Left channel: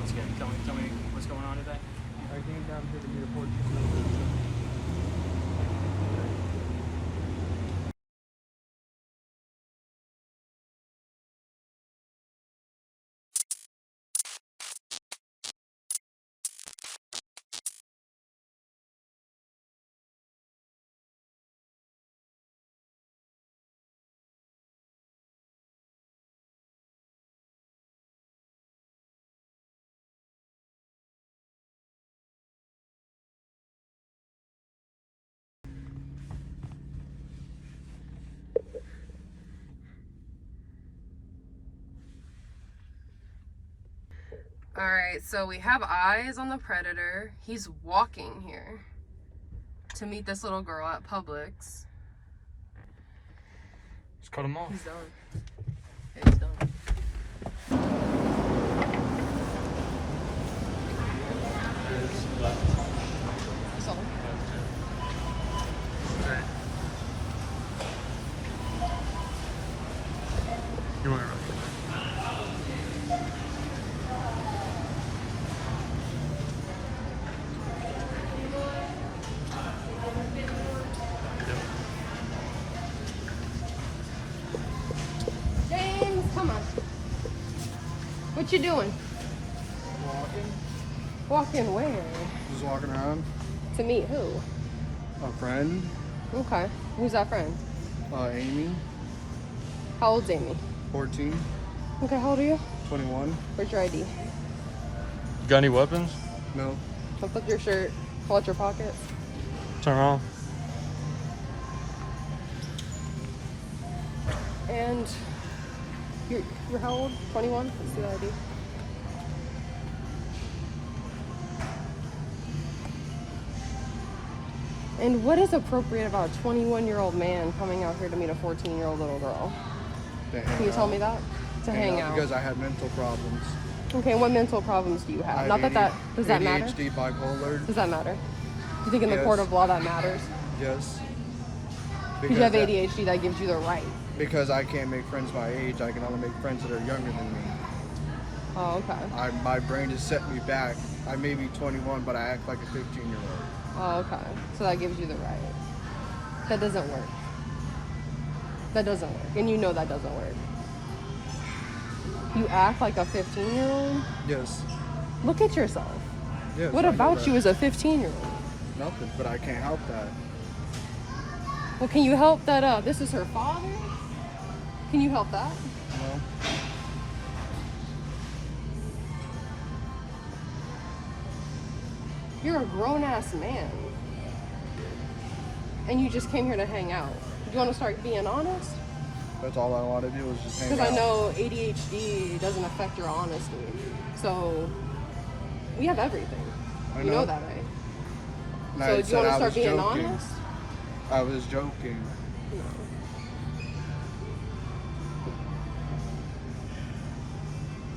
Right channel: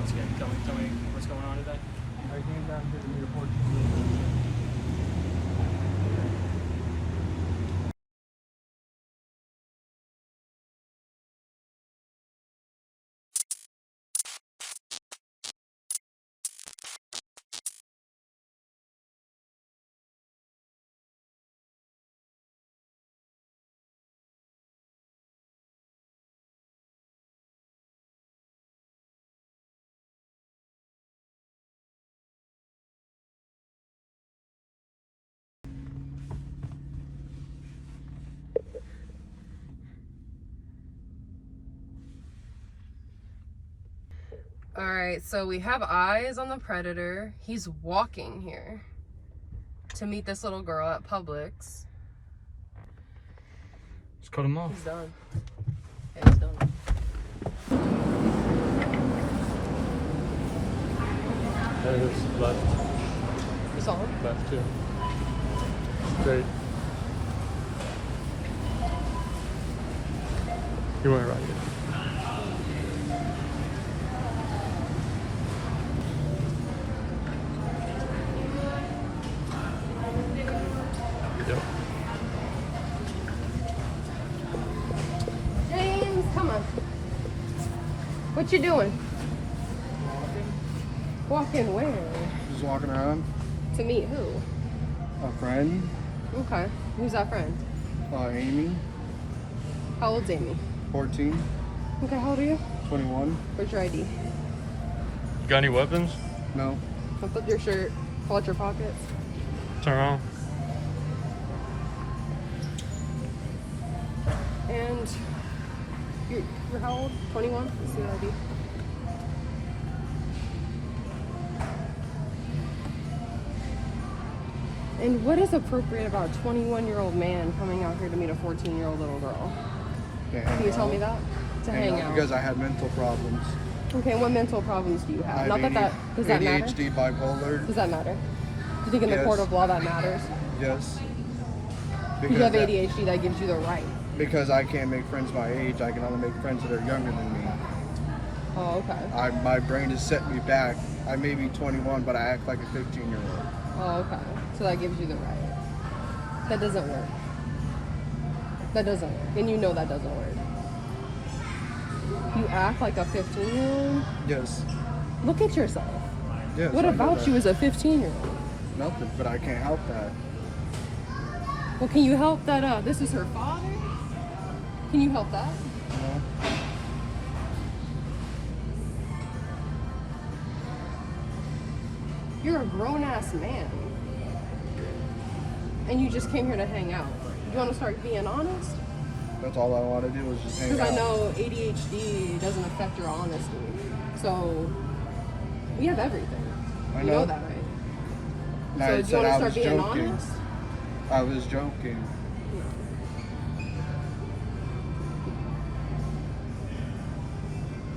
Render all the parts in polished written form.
Once again, tell me what's going on today. I came down here to meet a 14-year-old. Alright, so we have eyes on the predator. He's walking here to meet this little girl at Publix. Just cut him off. He's done. Yeah, he's done. There it is. Left. That's all. Left, too. Straight. You went right. James, come on. What you doing? Walking. Walking where? Just walking around. To meet who? A friend. Okay. Who's that friend? Amy. How old's Amy? 14. Okay, how old are you? 21. Where's your ID? Got any weapons? No. Lift up your shirt. Pull out your pockets. Turn around. And you're how old? 21? Let's see the ID. And what is appropriate about a 21-year-old man coming out here to meet a 14-year-old little girl? Can you tell me that? To hang out. Because I had mental problems. Okay, what mental problems do you have? Not that does that matter? ADHD, bipolar. Does that matter? Do you think in the Yes. court of law that matters? Yes. Because you have ADHD, that gives you the right. Because I can't make friends my age, I can only make friends that are younger than me. Oh, okay. My brain has set me back. I may be 21, but I act like a 15-year-old. Oh, okay. So that gives you the right. That doesn't work. That doesn't work. And you know that doesn't work. You act like a 15-year-old? Yes. Look at yourself. Yes. What I know about that. you as a 15-year-old? Nothing, but I can't help that. Well, can you help that, this is her father? Can you help that? No. You're a grown-ass man. And you just came here to hang out. Do you want to start being honest? That's all I want to do is just hang out. Because I know ADHD doesn't affect your honesty. So, we have everything. I You know that, right? And So, I do you said want to I start was being joking. honest? I was joking.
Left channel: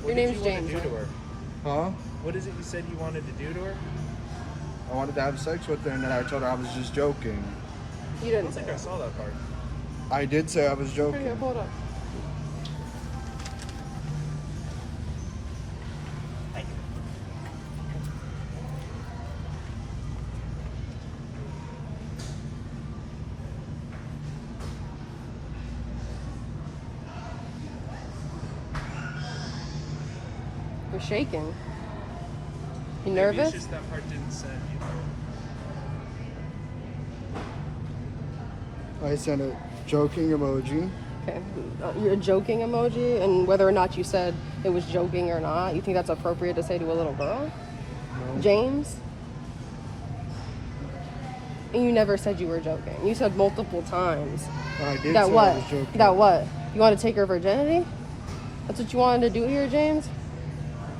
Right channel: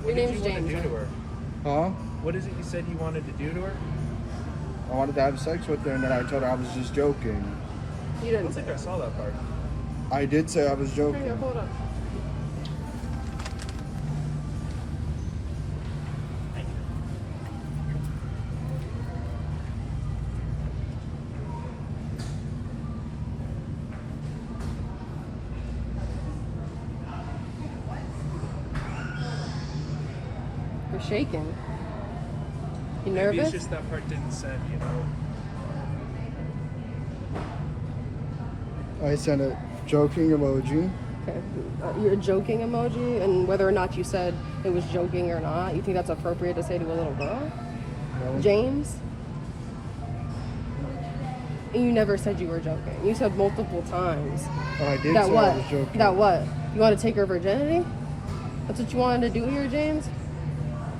Your name's James. Do to her? Huh? What is it you said you wanted to do to her? I wanted to have sex with her, and then I told her I was just joking. You didn't I say think I that. saw that part. I did say I was Here, joking. hold up. You're shaking. You Maybe nervous? it's just that part didn't send, you know. I sent a joking emoji. Okay. You're a joking emoji, and whether or not you said it was joking or not, you think that's appropriate to say to a little girl? No. James? And you never said you were joking. You said multiple times. I did That say what? I was joking. That what? You want to take her virginity? That's what you wanted to do here, James?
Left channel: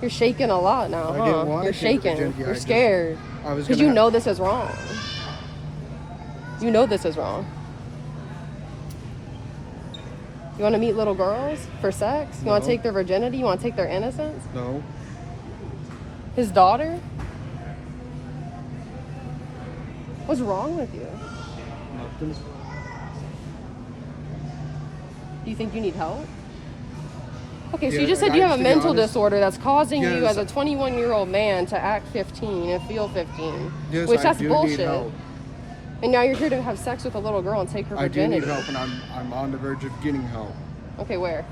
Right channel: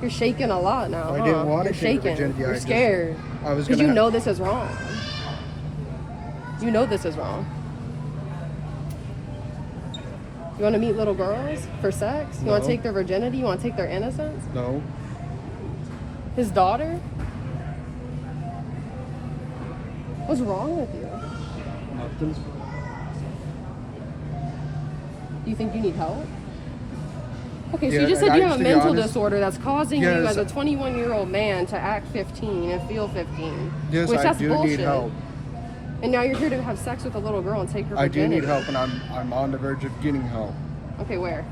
You're shaking a lot now, I huh? didn't want You're to take her shaking. virginity. You're scared. I was Because gonna. you know this is wrong. You know this is wrong. You want to meet little girls for sex? You want No. to take their virginity? You want to take their innocence? No. His daughter? What's wrong with you? Nothing. Do you think you need help? Okay, so Yeah, you just and said you I- have a to be mental honest- disorder that's causing you Yes. as a 21-year-old man to act 15 and feel 15. Yes, which I that's do bullshit. need help. And now you're here to have sex with a little girl and take her I do virginity. need help, and I'm on the verge of getting help. Okay, where?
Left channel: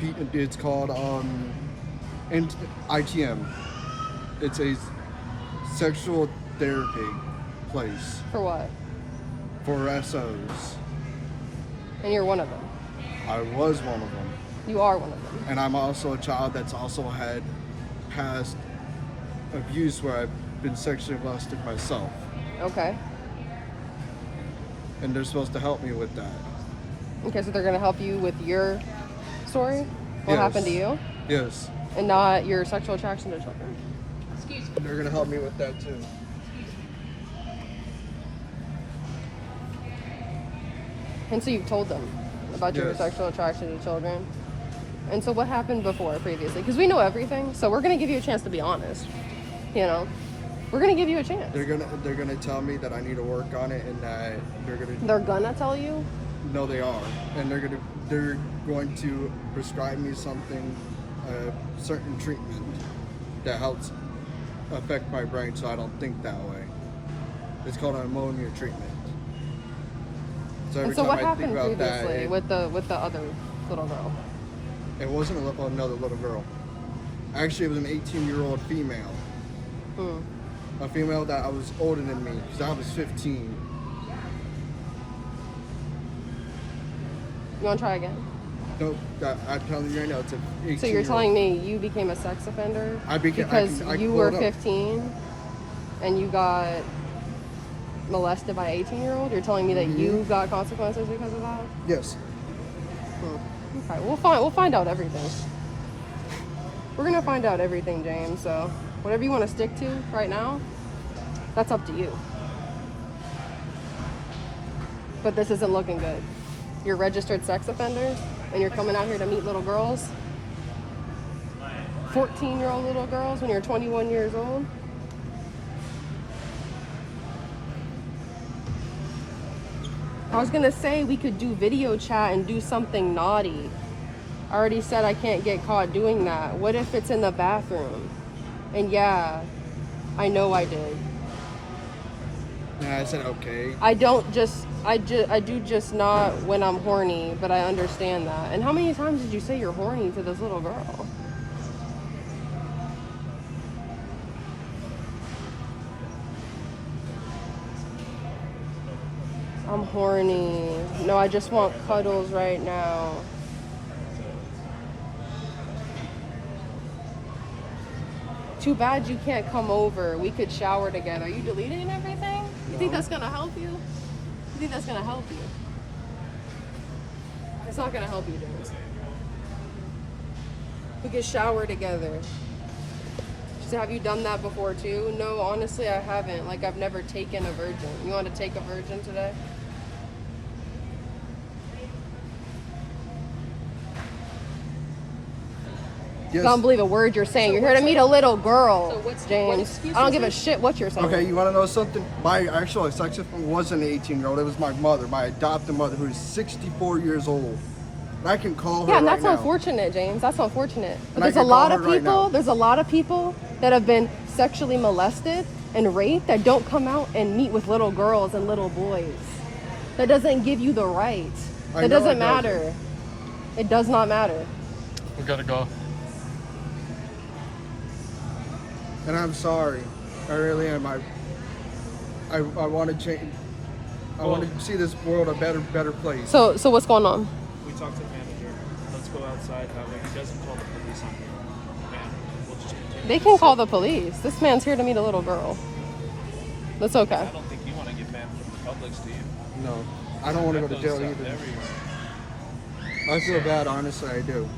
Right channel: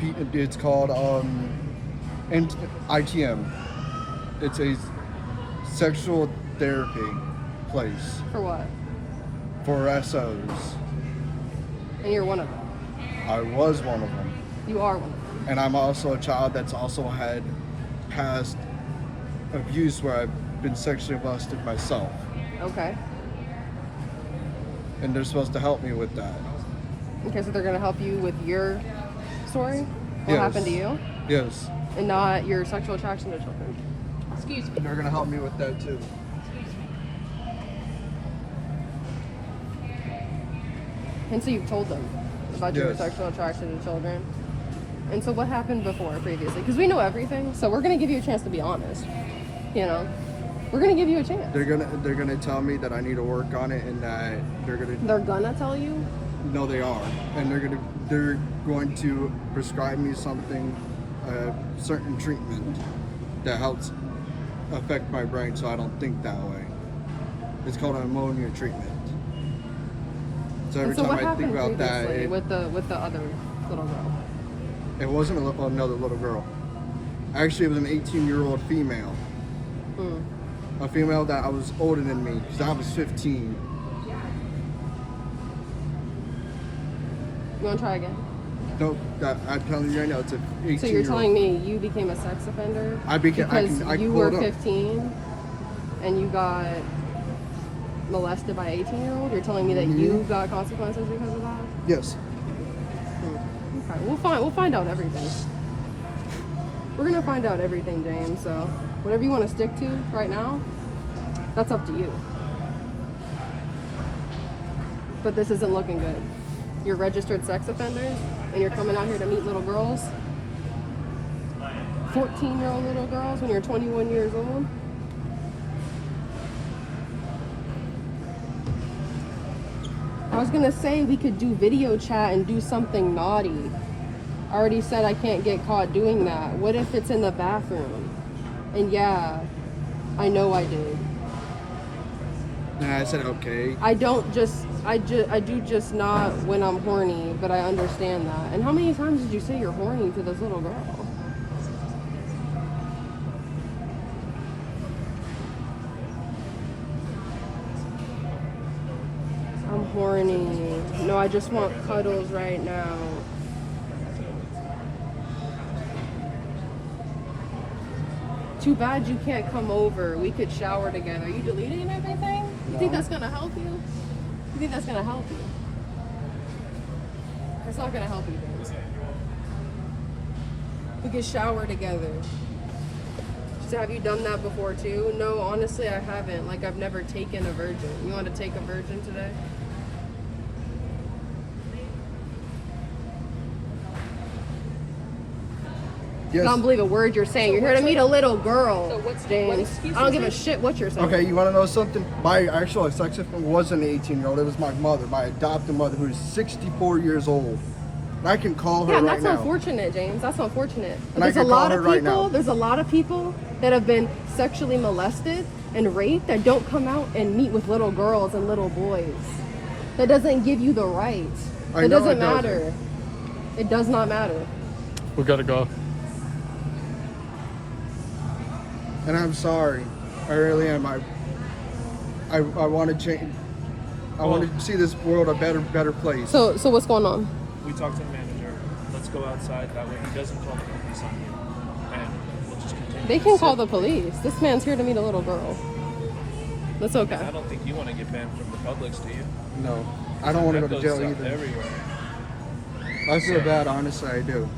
It's called ITM. It's a sexual therapy place For what? for SOs. And you're one of them. I was one of them. You are one of them. And I'm also a child that's also had past abuse where I've been sexually molested myself. Okay. And they're supposed to help me with that. Okay, so they're going to help you with your story? What Yes. happened to you? Yes. And not your sexual attraction to children? Excuse me. And they're gonna help me with that too. And so you've told them about your Yes. sexual attraction to children? And so what happened before, previously? Because we know everything, so we're going to give you a chance to be honest. You know? We're going to give you a chance. They're gonna tell me that I need to work on it, and that they're gonna tell you? No, they are, and they're going to prescribe me something, certain treatment that helps affect my brain so I don't think that way. It's called an ammonia treatment. So every And so time what I think happened about that, previously with the other little girl? it wasn't another little girl. Actually, it was an 18-year-old female. Hmm. A female that I was older than me, because I was 15. You want to try again? No, I'm telling you right now, it's an 18-year-old. So you're telling me you became a sex offender I became because I you can were pull it up. 15 and you got molested by an 18-year-old? You're telling me that you got consequences because of that? Yes. Okay, we'll find out everything. We're gonna find out everything, James. So whatever you want to stick to right now, that's up to you. But this isn't looking good. You're a registered sex offender, and you're coming out here to meet little girls, 14-year-old little girls, when you're 21 years old. I was gonna say we could do video chat and do something naughty. I already said I can't get caught doing that. What if it's in the bathroom? And yeah, I know I did. And I said, okay. I do just not when I'm horny, but I understand that. And how many times did you say you're horny to this little girl? I'm horny. No, I just want cuddles right now. Too bad you can't come over. We could shower together. You deleting everything? You think No. that's gonna help you? You think that's gonna help you? That's not gonna help you, James. We could shower together. So have you done that before too? No, honestly, I haven't. Like, I've never taken a virgin. You want to take a virgin today? Yes. I don't believe a word you're saying. You're here to meet a little girl, James. excuse I don't is give a it? shit what you're saying. Okay, you want to know something? My actual sex offender wasn't an 18-year-old. It was my mother, my adopted mother, who is 64 years old. And I can call her Yeah, and right that's now. unfortunate, James. That's unfortunate. And I There's a can call lot her of right people. now. There's a lot of people that have been sexually molested and raped that don't come out and meet with little girls and little boys. That doesn't give you the right. I It know doesn't it doesn't. matter. It does not matter. We gotta go. And I'm sorry. I really am. I want to change. I want to see this world a better place. So what's going on? We talked to the manager. Let's go outside. That way he doesn't call the police and we'll just continue. They can call the police. This man's here to meet a little girl. That's I okay. don't think you want to get banned from the Publix, do you? No, I don't want to go to jail either. I feel bad, honestly, I do.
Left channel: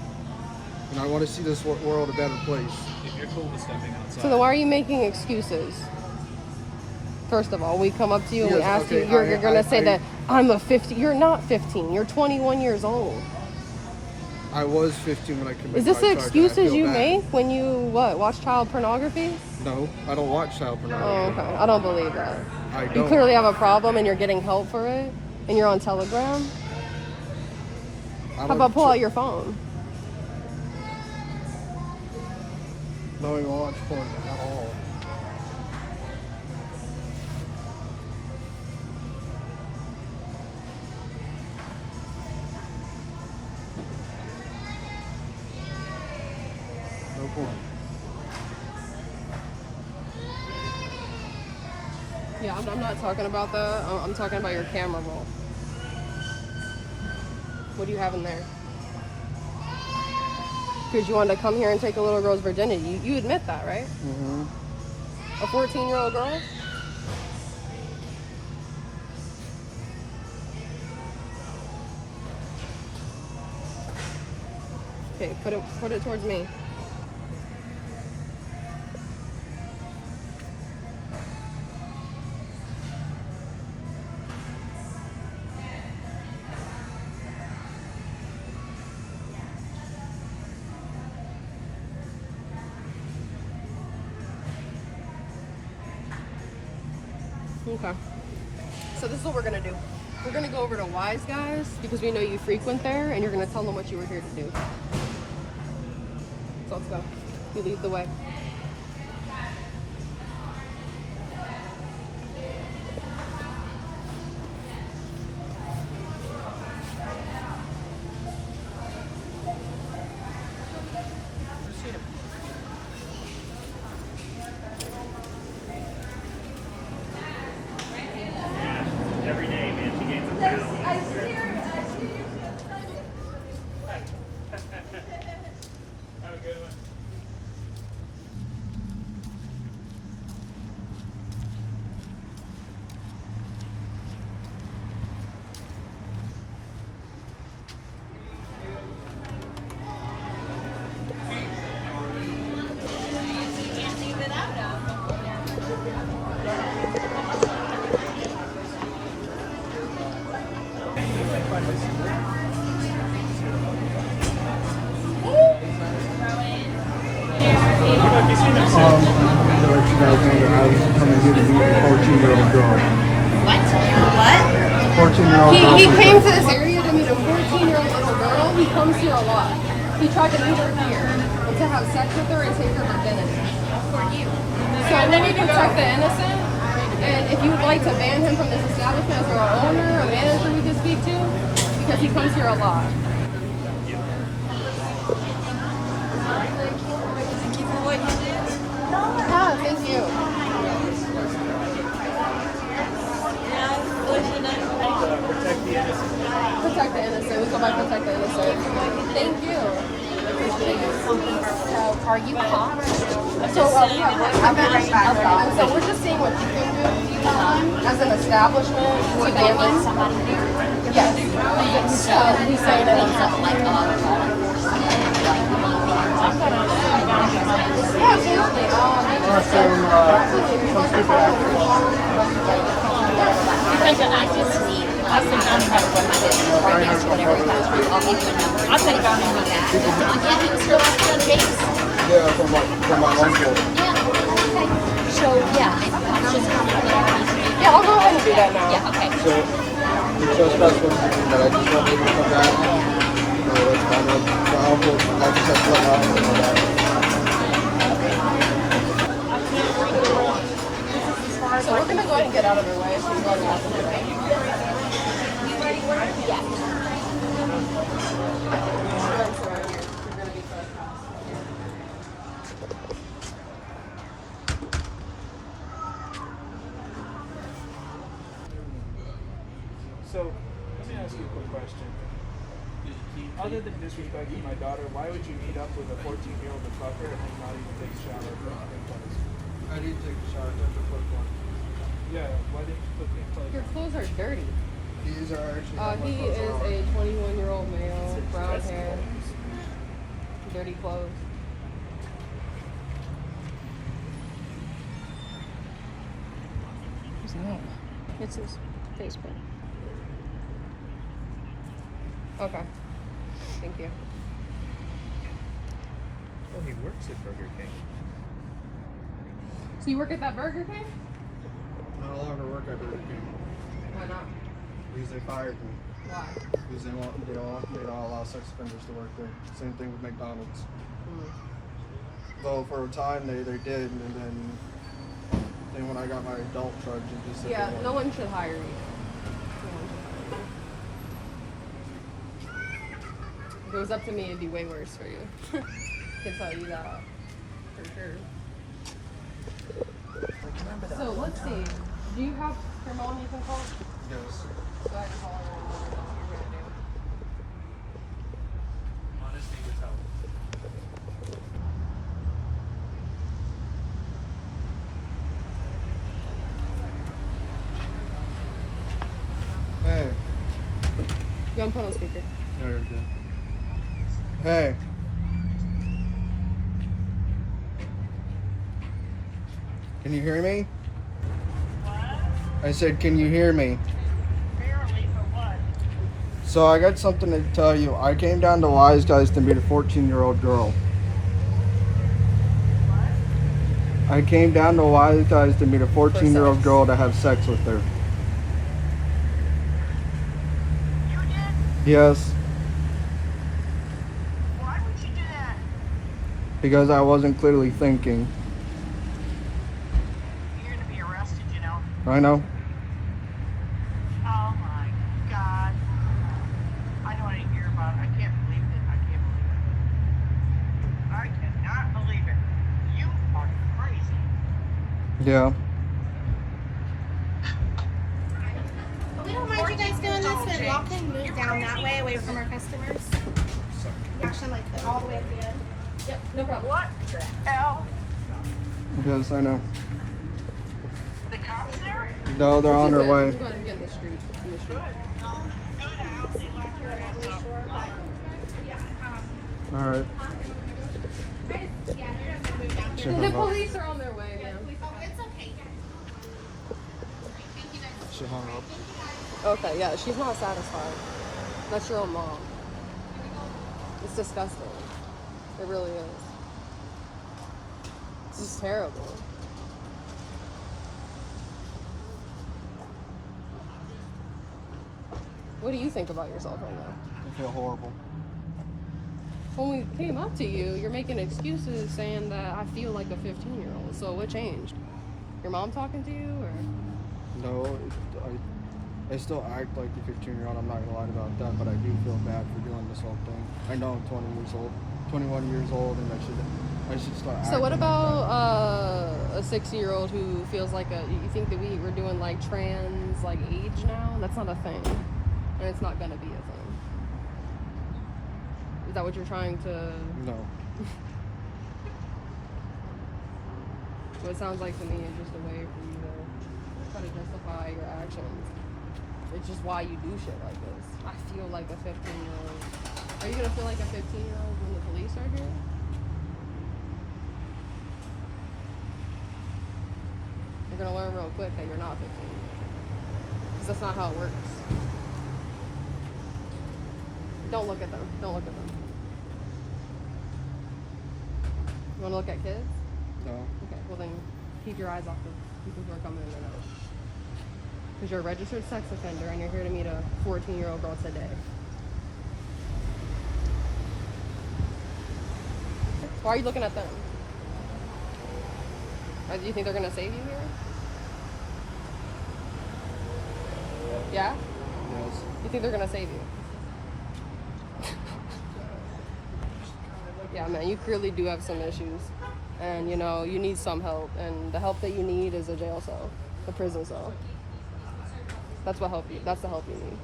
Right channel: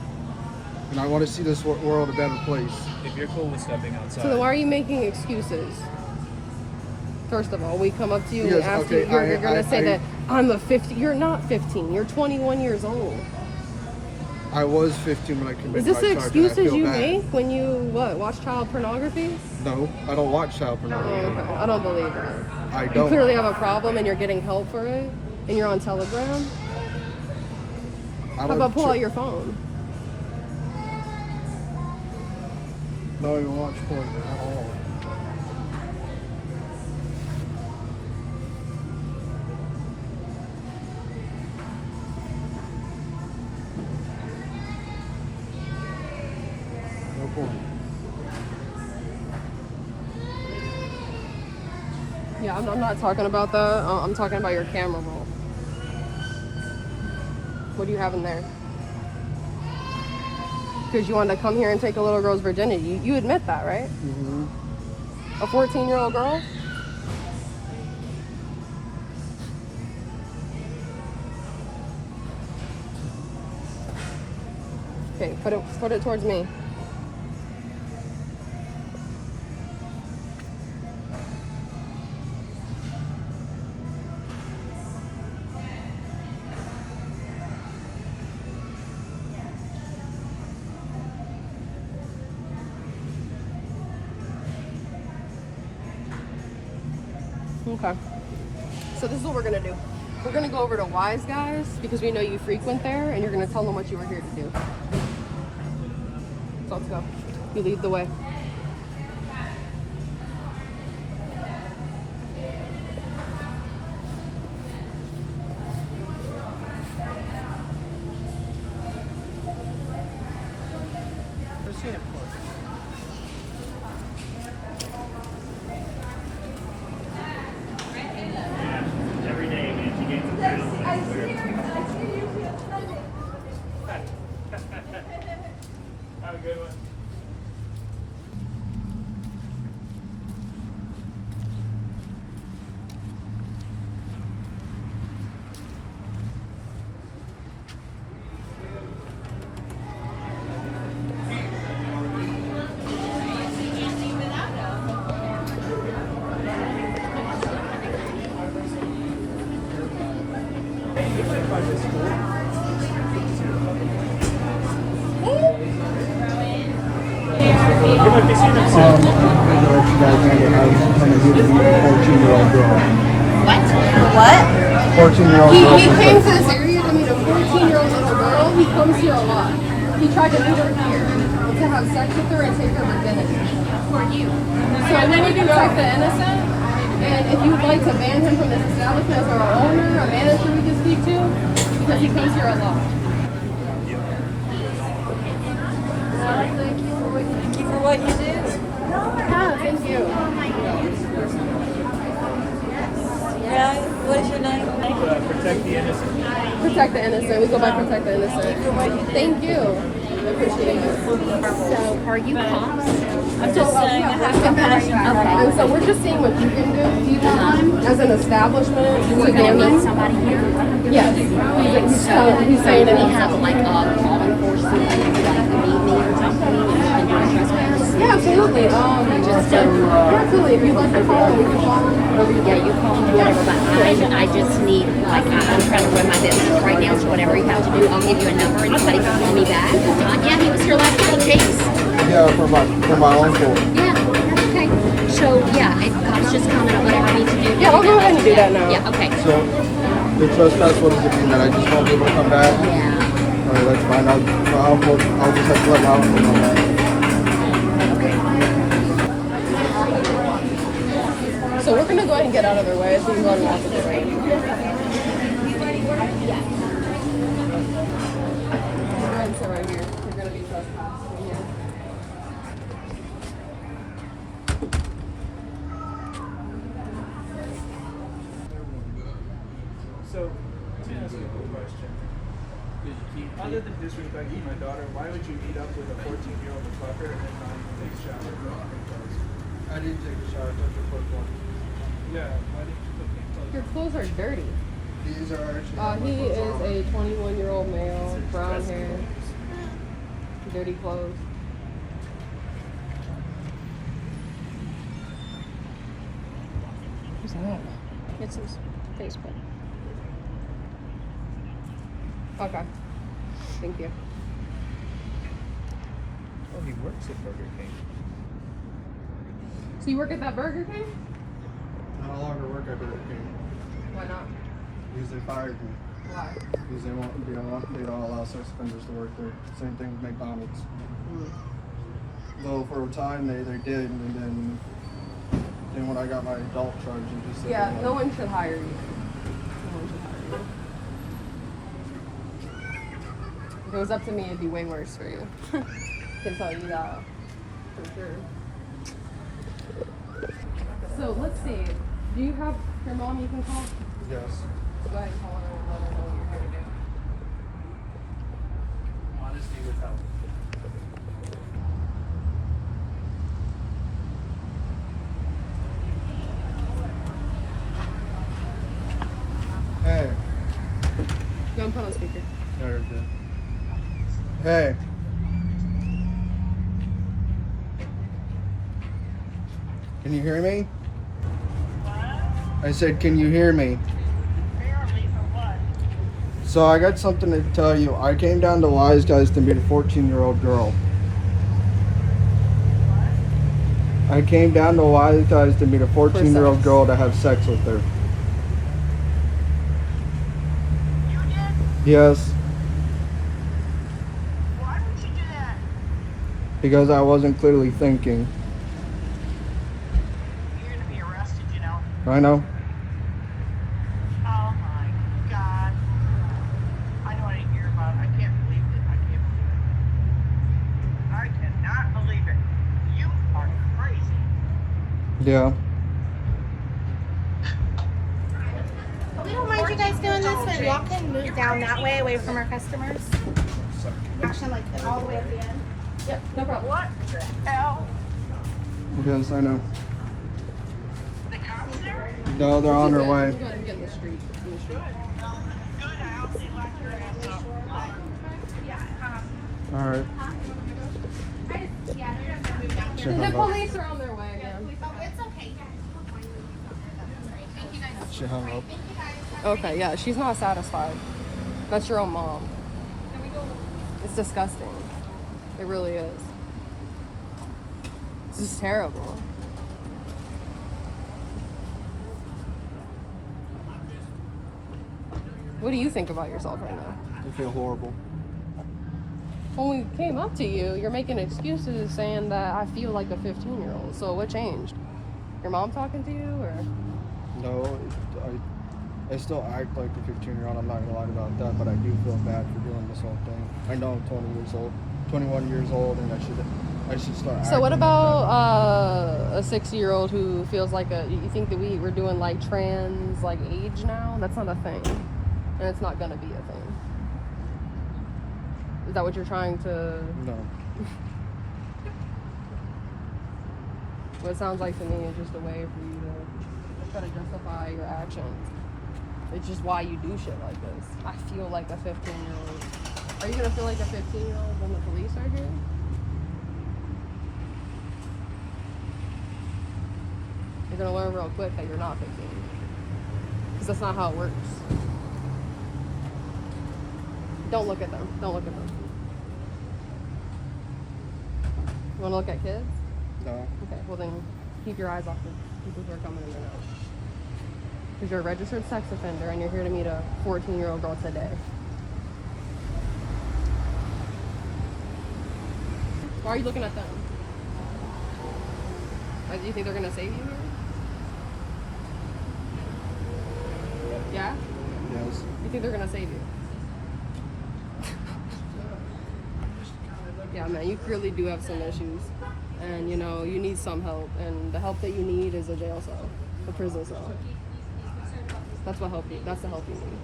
And I want to see this world a better place. If you're cool with stepping outside. So then why are you making excuses? First of all, we come up to you and we Yes, ask okay, you, you're going to say I- that I'm a 50. You're not 15. You're 21 years old. I was 15 when I committed Is this my the charge, and I excuses feel you bad. make when you, watch child pornography? No, I don't watch child Oh, pornography. okay. I don't believe that. I You don't. clearly have a problem and you're getting help for it, and you're on Telegram. I How don't about pull tr- out your phone? Don't even watch porn at all. No porn. Yeah, I'm not talking about that. I'm talking about your camera roll. What do you have in there? Because you wanted to come here and take a little girl's virginity. You admit that, right? Mm-hmm. A 14-year-old girl? Okay, put it towards me. Okay. So this is what we're gonna do. We're gonna go over to Wise Guys because we know you frequent there, and you're gonna tell them what you were here to do. So let's go. You lead the way. Every day, man, she gets a Have a good one. I just wanted to let you guys know that I was coming here to meet a 14-year-old girl. What? What? 14-year-old girl. He came to this area to meet a 14-year-old little girl. He comes here a lot. He tried to meet her here and to have sex with her and take her virginity. For you. So we would protect the innocent. And if you would like to ban him from this establishment as our owner, a manager we can speak to, because he comes here a lot. Thank you for what you do. Ah, thank you. Protect the innocent. Protect the innocent. We go by protect the innocent. Thank you. I appreciate it. So, are you cops? So we're just seeing what you can do as an establishment to ban them. Somebody here? Yes. He's saying Do we that. have like law enforcement, like you need me or something? Yeah, absolutely. Absolutely. If you'd like to follow Yeah, you call me whatever, but I just need, like, I'm trying to run my business right now, so whenever you have to, I'll give you a number and somebody can call me back. Yeah, who was your last name, James? Yeah, for my uncle. Yeah, okay. So, yeah, it's just coming up, I need to do. Yeah, I'll go ahead and do that now. Yeah, okay. So the trespass, what does it mean? That I just won't be able to come back? That's fine. I'll just have to let out and know that. So we're gonna go ahead and get out of their way so we can go on the opposite way. So, to ask you a quick question. Other than disrespecting my daughter, why would you meet up with a 14-year-old fucker and then not even take a shower? I didn't take a shower. I took a quick one. Yeah, why didn't you cook me? Your clothes are dirty. These are actually He is on. a 21-year-old male, brown hair, dirty clothes. Who's that? It's his Facebook. Okay. Thank you. Oh, he works at Burger King. So you work at that Burger King? I no longer work at Burger King Why not? because they fired me. Why? Because they don't allow sex offenders to work there. Same thing with McDonald's. Well, for a time they did, and then when I got my adult charge, it just said Yeah, they no wanted- one should hire you. No one should hire you. If it was up to me, it'd be way worse for you. Can tell you that for sure. So let's see. Do you have your mom you can call? Yes. Go ahead and call her and let her know what you're gonna do. Honesty would help. Hey. Go and put on speaker. No, you're good. Hey. Can you hear me? What? I said, can you hear me? Barely for what? So I got something to tell you. I came down to Wise Guys to meet a 14-year-old girl. What? I came down to Wise Guys to meet a 14-year-old girl to have sex with her. You did? Yes, Why would you do that? because I wasn't clearly thinking. You're gonna be arrested, you know. I know. Oh my God. I know I didn't hear about it. I can't believe it. I can't believe it. I cannot believe it. You are crazy. Yeah. We don't mind you guys doing this, but y'all can move down that way, away from our customers. Actually, like all the way at the end. Yep, no problem. What the hell? Yes, I know. The cops there? No, they're on their way. Go ahead and get in the street. In the street. Good. I hope they lock your ass up. All right. She The hung up. police are on their way again. It's okay. She hung up. Okay, yeah, she's not satisfied. That's your own mom. It's disgusting. It really is. This is terrible. What do you think about yourself right now? I feel horrible. When we came up to you, you're making excuses saying that I feel like a 15-year-old. So what changed? Your mom talking to you, or? No, I still act like a 15-year-old. I'm not gonna lie about that, but I do feel bad for doing this whole thing. I know I'm 21 years old, and I should start acting So what like about that. a 60-year-old who feels like you think that we're doing like trans like age now? That's not a thing, and it's not gonna be a thing. Is that what you're trying to? No. What it sounds like to me is just a way for you to try to justify your actions. It's just why you do shit like this. I feel like a 15-year-old. Are you gonna feel like a 15-year-old when the police are here? You're gonna learn real quick that you're not 15. Because that's not how it works. Don't look at them. Don't look at them. You wanna look at kids? No. Okay, well then keep your eyes off the people who are coming in and out. Because you're a registered sex offender and you're here to meet a 14-year-old girl today. Why are you looking at them? Do you think they're gonna save you here? Yeah? Yes. You think they're gonna save you? Yeah, man, you clearly do have some issues. And you know, you need some help. And the help that you need is a jail cell, a prison cell. That's the help you need.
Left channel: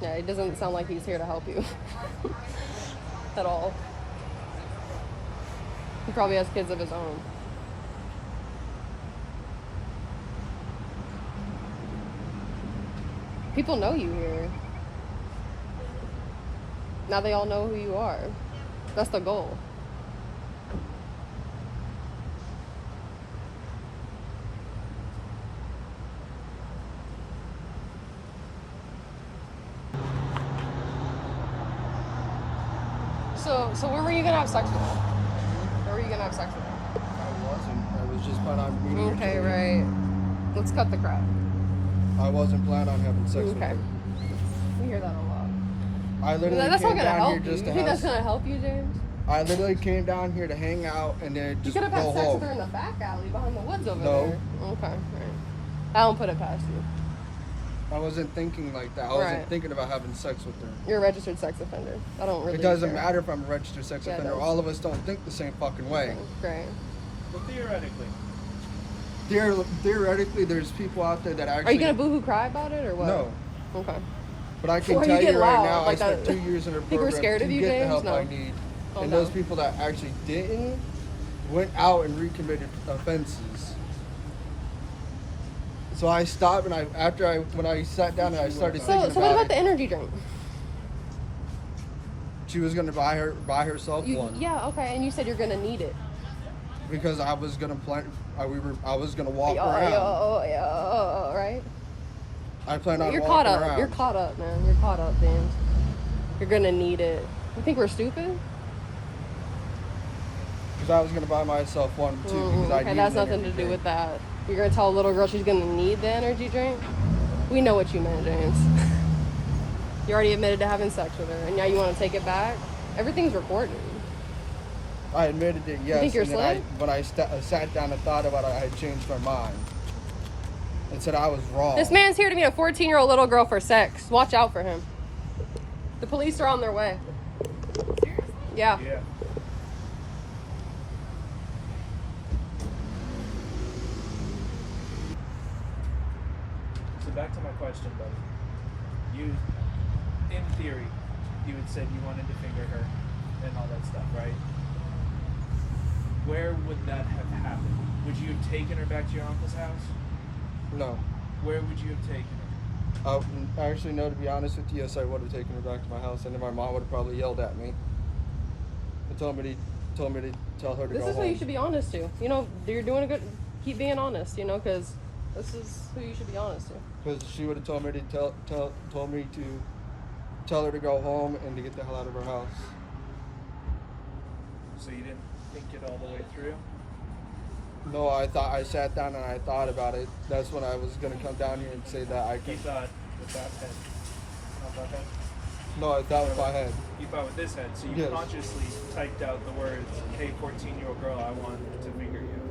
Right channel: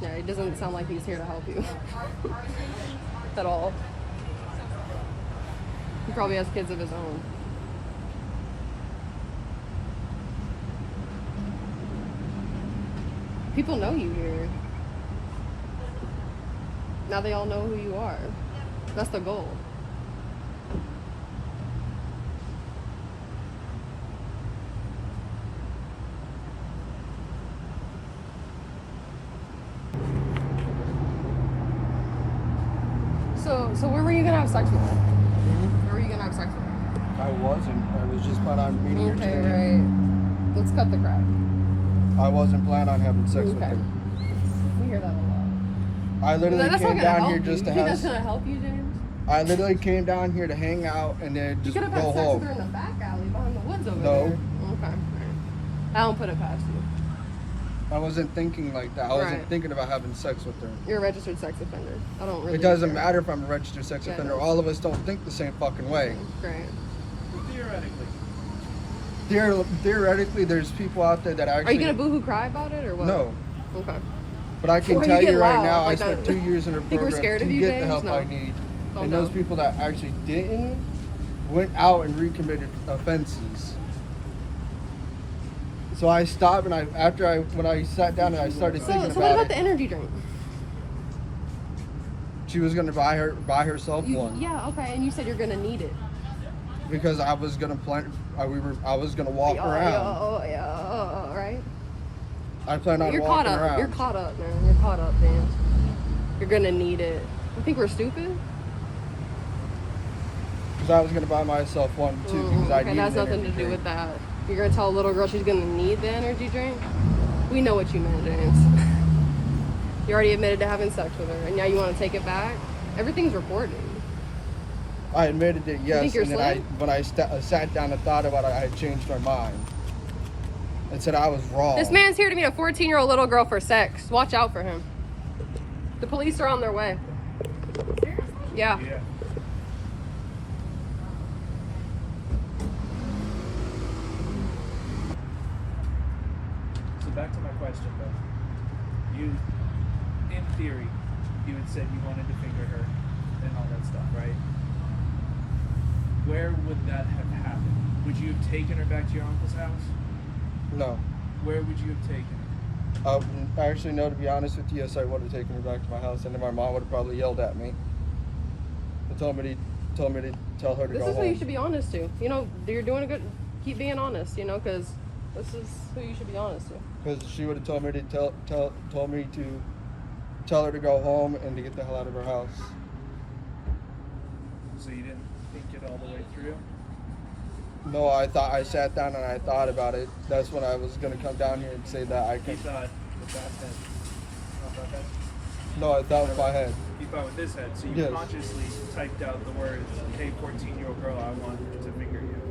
Yeah, it doesn't sound like he's here to help you. At all. He probably has kids of his own. People know you here. Now they all know who you are. That's the goal. So where were you gonna have sex with her? Where were you gonna have sex with her? I wasn't. I was just planning on meeting her Okay, today. right. Let's cut the crap. I wasn't planning on having sex with Okay. her. We hear that a lot. I literally That's not came gonna down help here you. just to You think have. that's gonna help you, James? I literally came down here to hang out and then You just could have go had sex with her home. in the back alley behind the woods over No. there. Okay, right. I don't put it past you. I wasn't thinking like that. I wasn't Right. thinking about having sex with her. You're a registered sex offender. I don't really. It doesn't care. matter if I'm a registered sex Yeah, it offender. does. All of us don't think the same fucking way. Great. Well, theoretically, Theoretically, there's people out there that Are actually. you gonna boohoo cry about it or what? No. Okay. But I can Why tell you you get right loud now, I like spent that? 2 years in a Think we're program scared to of you, get the James? help No. I need. Oh, And no. those people that actually didn't went out and recommitted offenses. So I stopped and when I sat down and I started So thinking what about about it, the energy drink? she was gonna buy herself one Yeah, okay, and you said you're gonna need it. because I was gonna I was gonna walk around. Right? I plan on You're caught walking up. around. You're caught up, man. You're caught up, man. You're gonna need it. You think we're stupid? Because I was gonna buy myself one too because I Okay, needed that's an nothing energy to do drink. with that. You're gonna tell a little girl she's gonna need the energy drink? We know what you meant, James. You already admitted to having sex with her, and now you want to take it back? Everything's recorded. I admitted it, yes, think you're and then slick? when I sat down and thought about it, I had changed my mind and said I was wrong. This man's here to meet a 14-year-old little girl for sex. Watch out for him. The police are on their way. Yeah. yeah. So back to my question, though. You, in theory, you had said you wanted to finger her and all that stuff, right? Where would that have happened? Would you have taken her back to your uncle's house? No. Where would you have taken her? Actually, no, to be honest with you, yes, I would have taken her back to my house, and then my mom would have probably yelled at me. But told me to tell her to This go is home. who you should be honest to. You know, you're doing a good. Keep being honest. You know, because this is who you should be honest to. Because she would have told me to tell her to go home and to get the hell out of her house. So you didn't think it all the way through? No, I sat down and I thought about it. That's when I was gonna come down here and say that I You could. thought with that head. Not that head? No, I thought with my head. You thought with this head. So you Yes. consciously typed out the words, "Hey, 14-year-old girl, I want to finger you."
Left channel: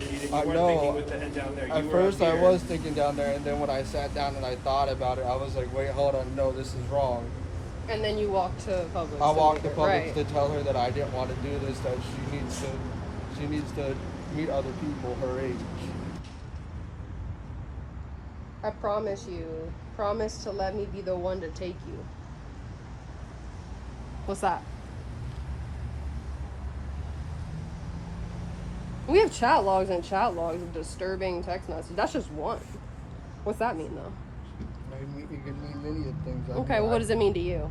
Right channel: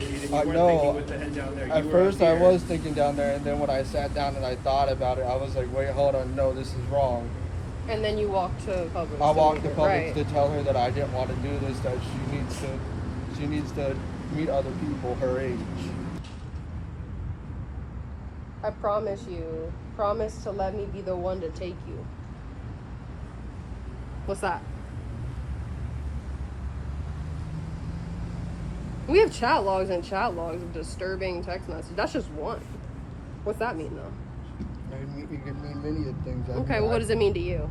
You weren't No. thinking with the head down there. At You were first, I here. was thinking down there, and then when I sat down and I thought about it, I was like, "Wait, hold on, no, this is wrong." And then you walk to Publix. I walked to Publix Right. to tell her that I didn't want to do this. That she needs to meet other people her age. I promise you. Promise to let me be the one to take you. What's that? We have chat logs and chat logs of disturbing text messages. That's just one. What's that mean, though? It could mean many of things. Okay, well, what does it mean to you?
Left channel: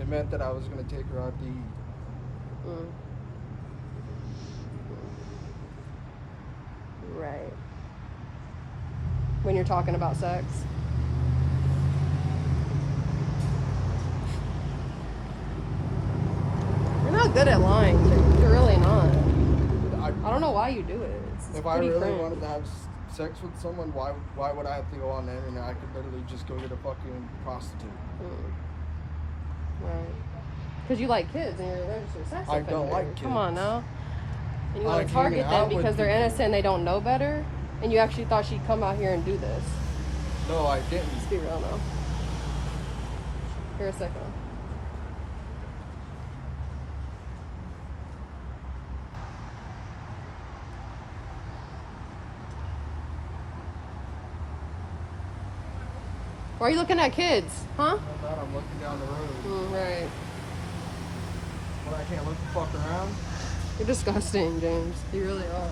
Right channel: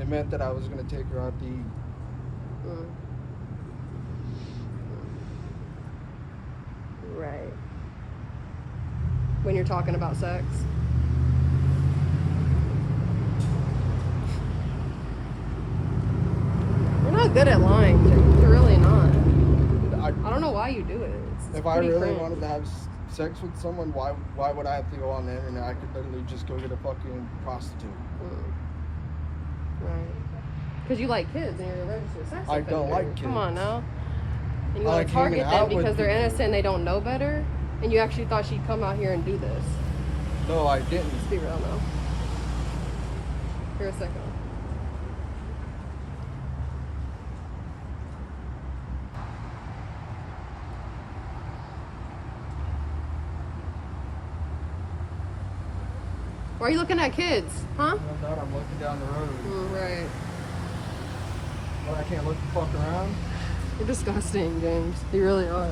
It meant that I was going to take her out to eat. Mm. Right. When you're talking about sex. You're not good at lying, Jake. You're really not. I don't know why you do it. It's If I pretty really cringe. wanted to have sex with someone, why would I have to go on the internet? I could literally just go get a fucking prostitute. Right. Because you like kids and you're a registered sex I don't offender. like Come on kids. now. And you I want like to hanging target out them with because they're people. innocent and they don't know better. And you actually thought she'd come out here and do this. No, I didn't. Let's be real now. For a second. Why are you looking at kids? Huh? I thought I'm looking down the road, Right. but I can't look the fuck around. You're disgusting, James. You really are.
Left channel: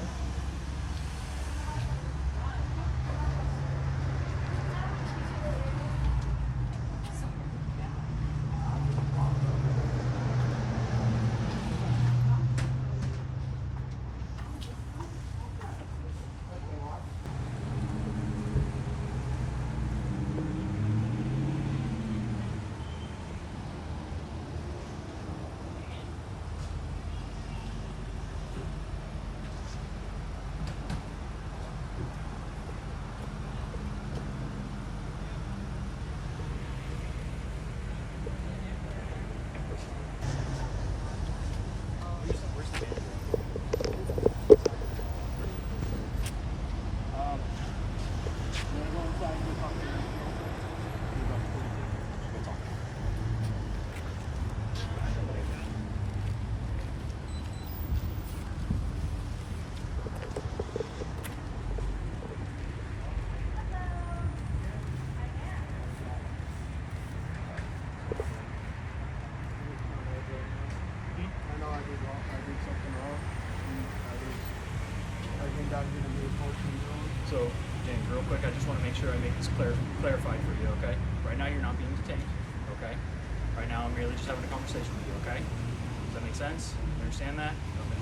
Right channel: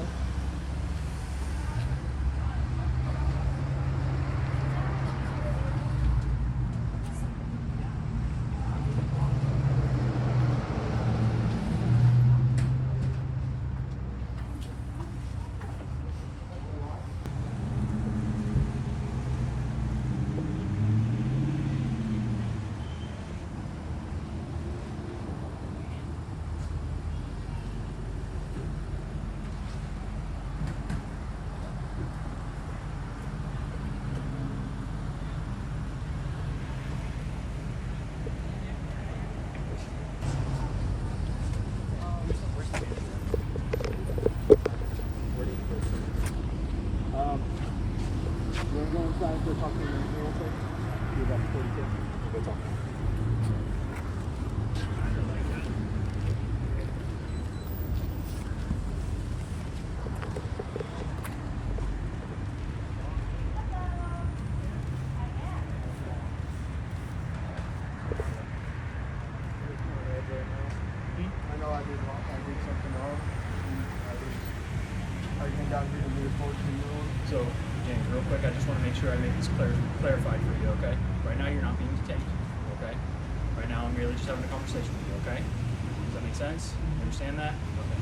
did something wrong. And I came down here to meet a 14-year-old. So, James, real quick, I just want to make sure I make this clarified for you, okay? Right now, you're not being detained, okay? Right now, I'm merely just having a conversation with you, okay? Does that make sense? You understand that? Okay.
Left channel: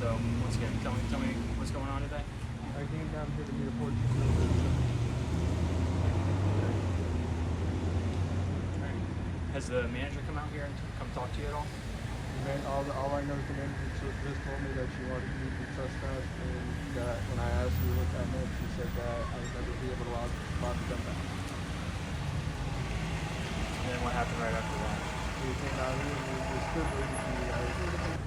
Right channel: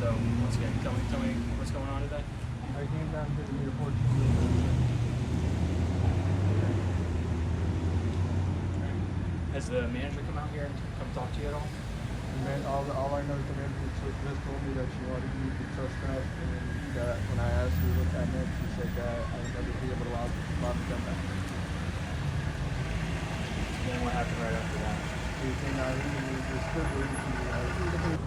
So, once again, tell me what's going on today. I came down here to meet a 14-year-old. Has the manager come out here and come talk to you at all? Man, all I know is the manager just told me that she wanted me to trespass, and that when I asked her what that meant, she said that I would never be able to allow to come back. And then what happened right after that? He came out here and he was still waiting for me.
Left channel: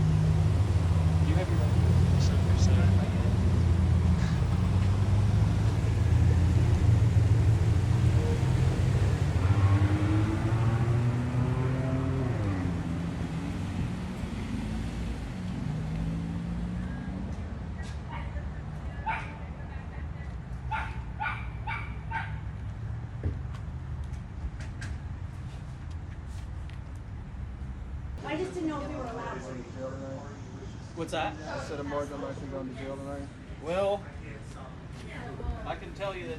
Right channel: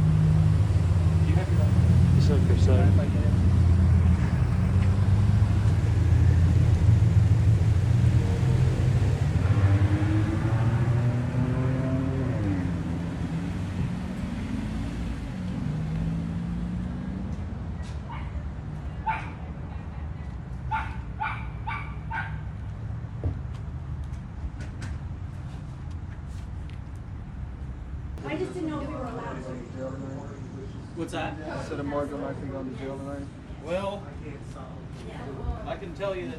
Do you have your if I get it? I just didn't know if you were Going to jail tonight. What's that? I said I'm more than likely going to jail tonight. Well, I can tell you that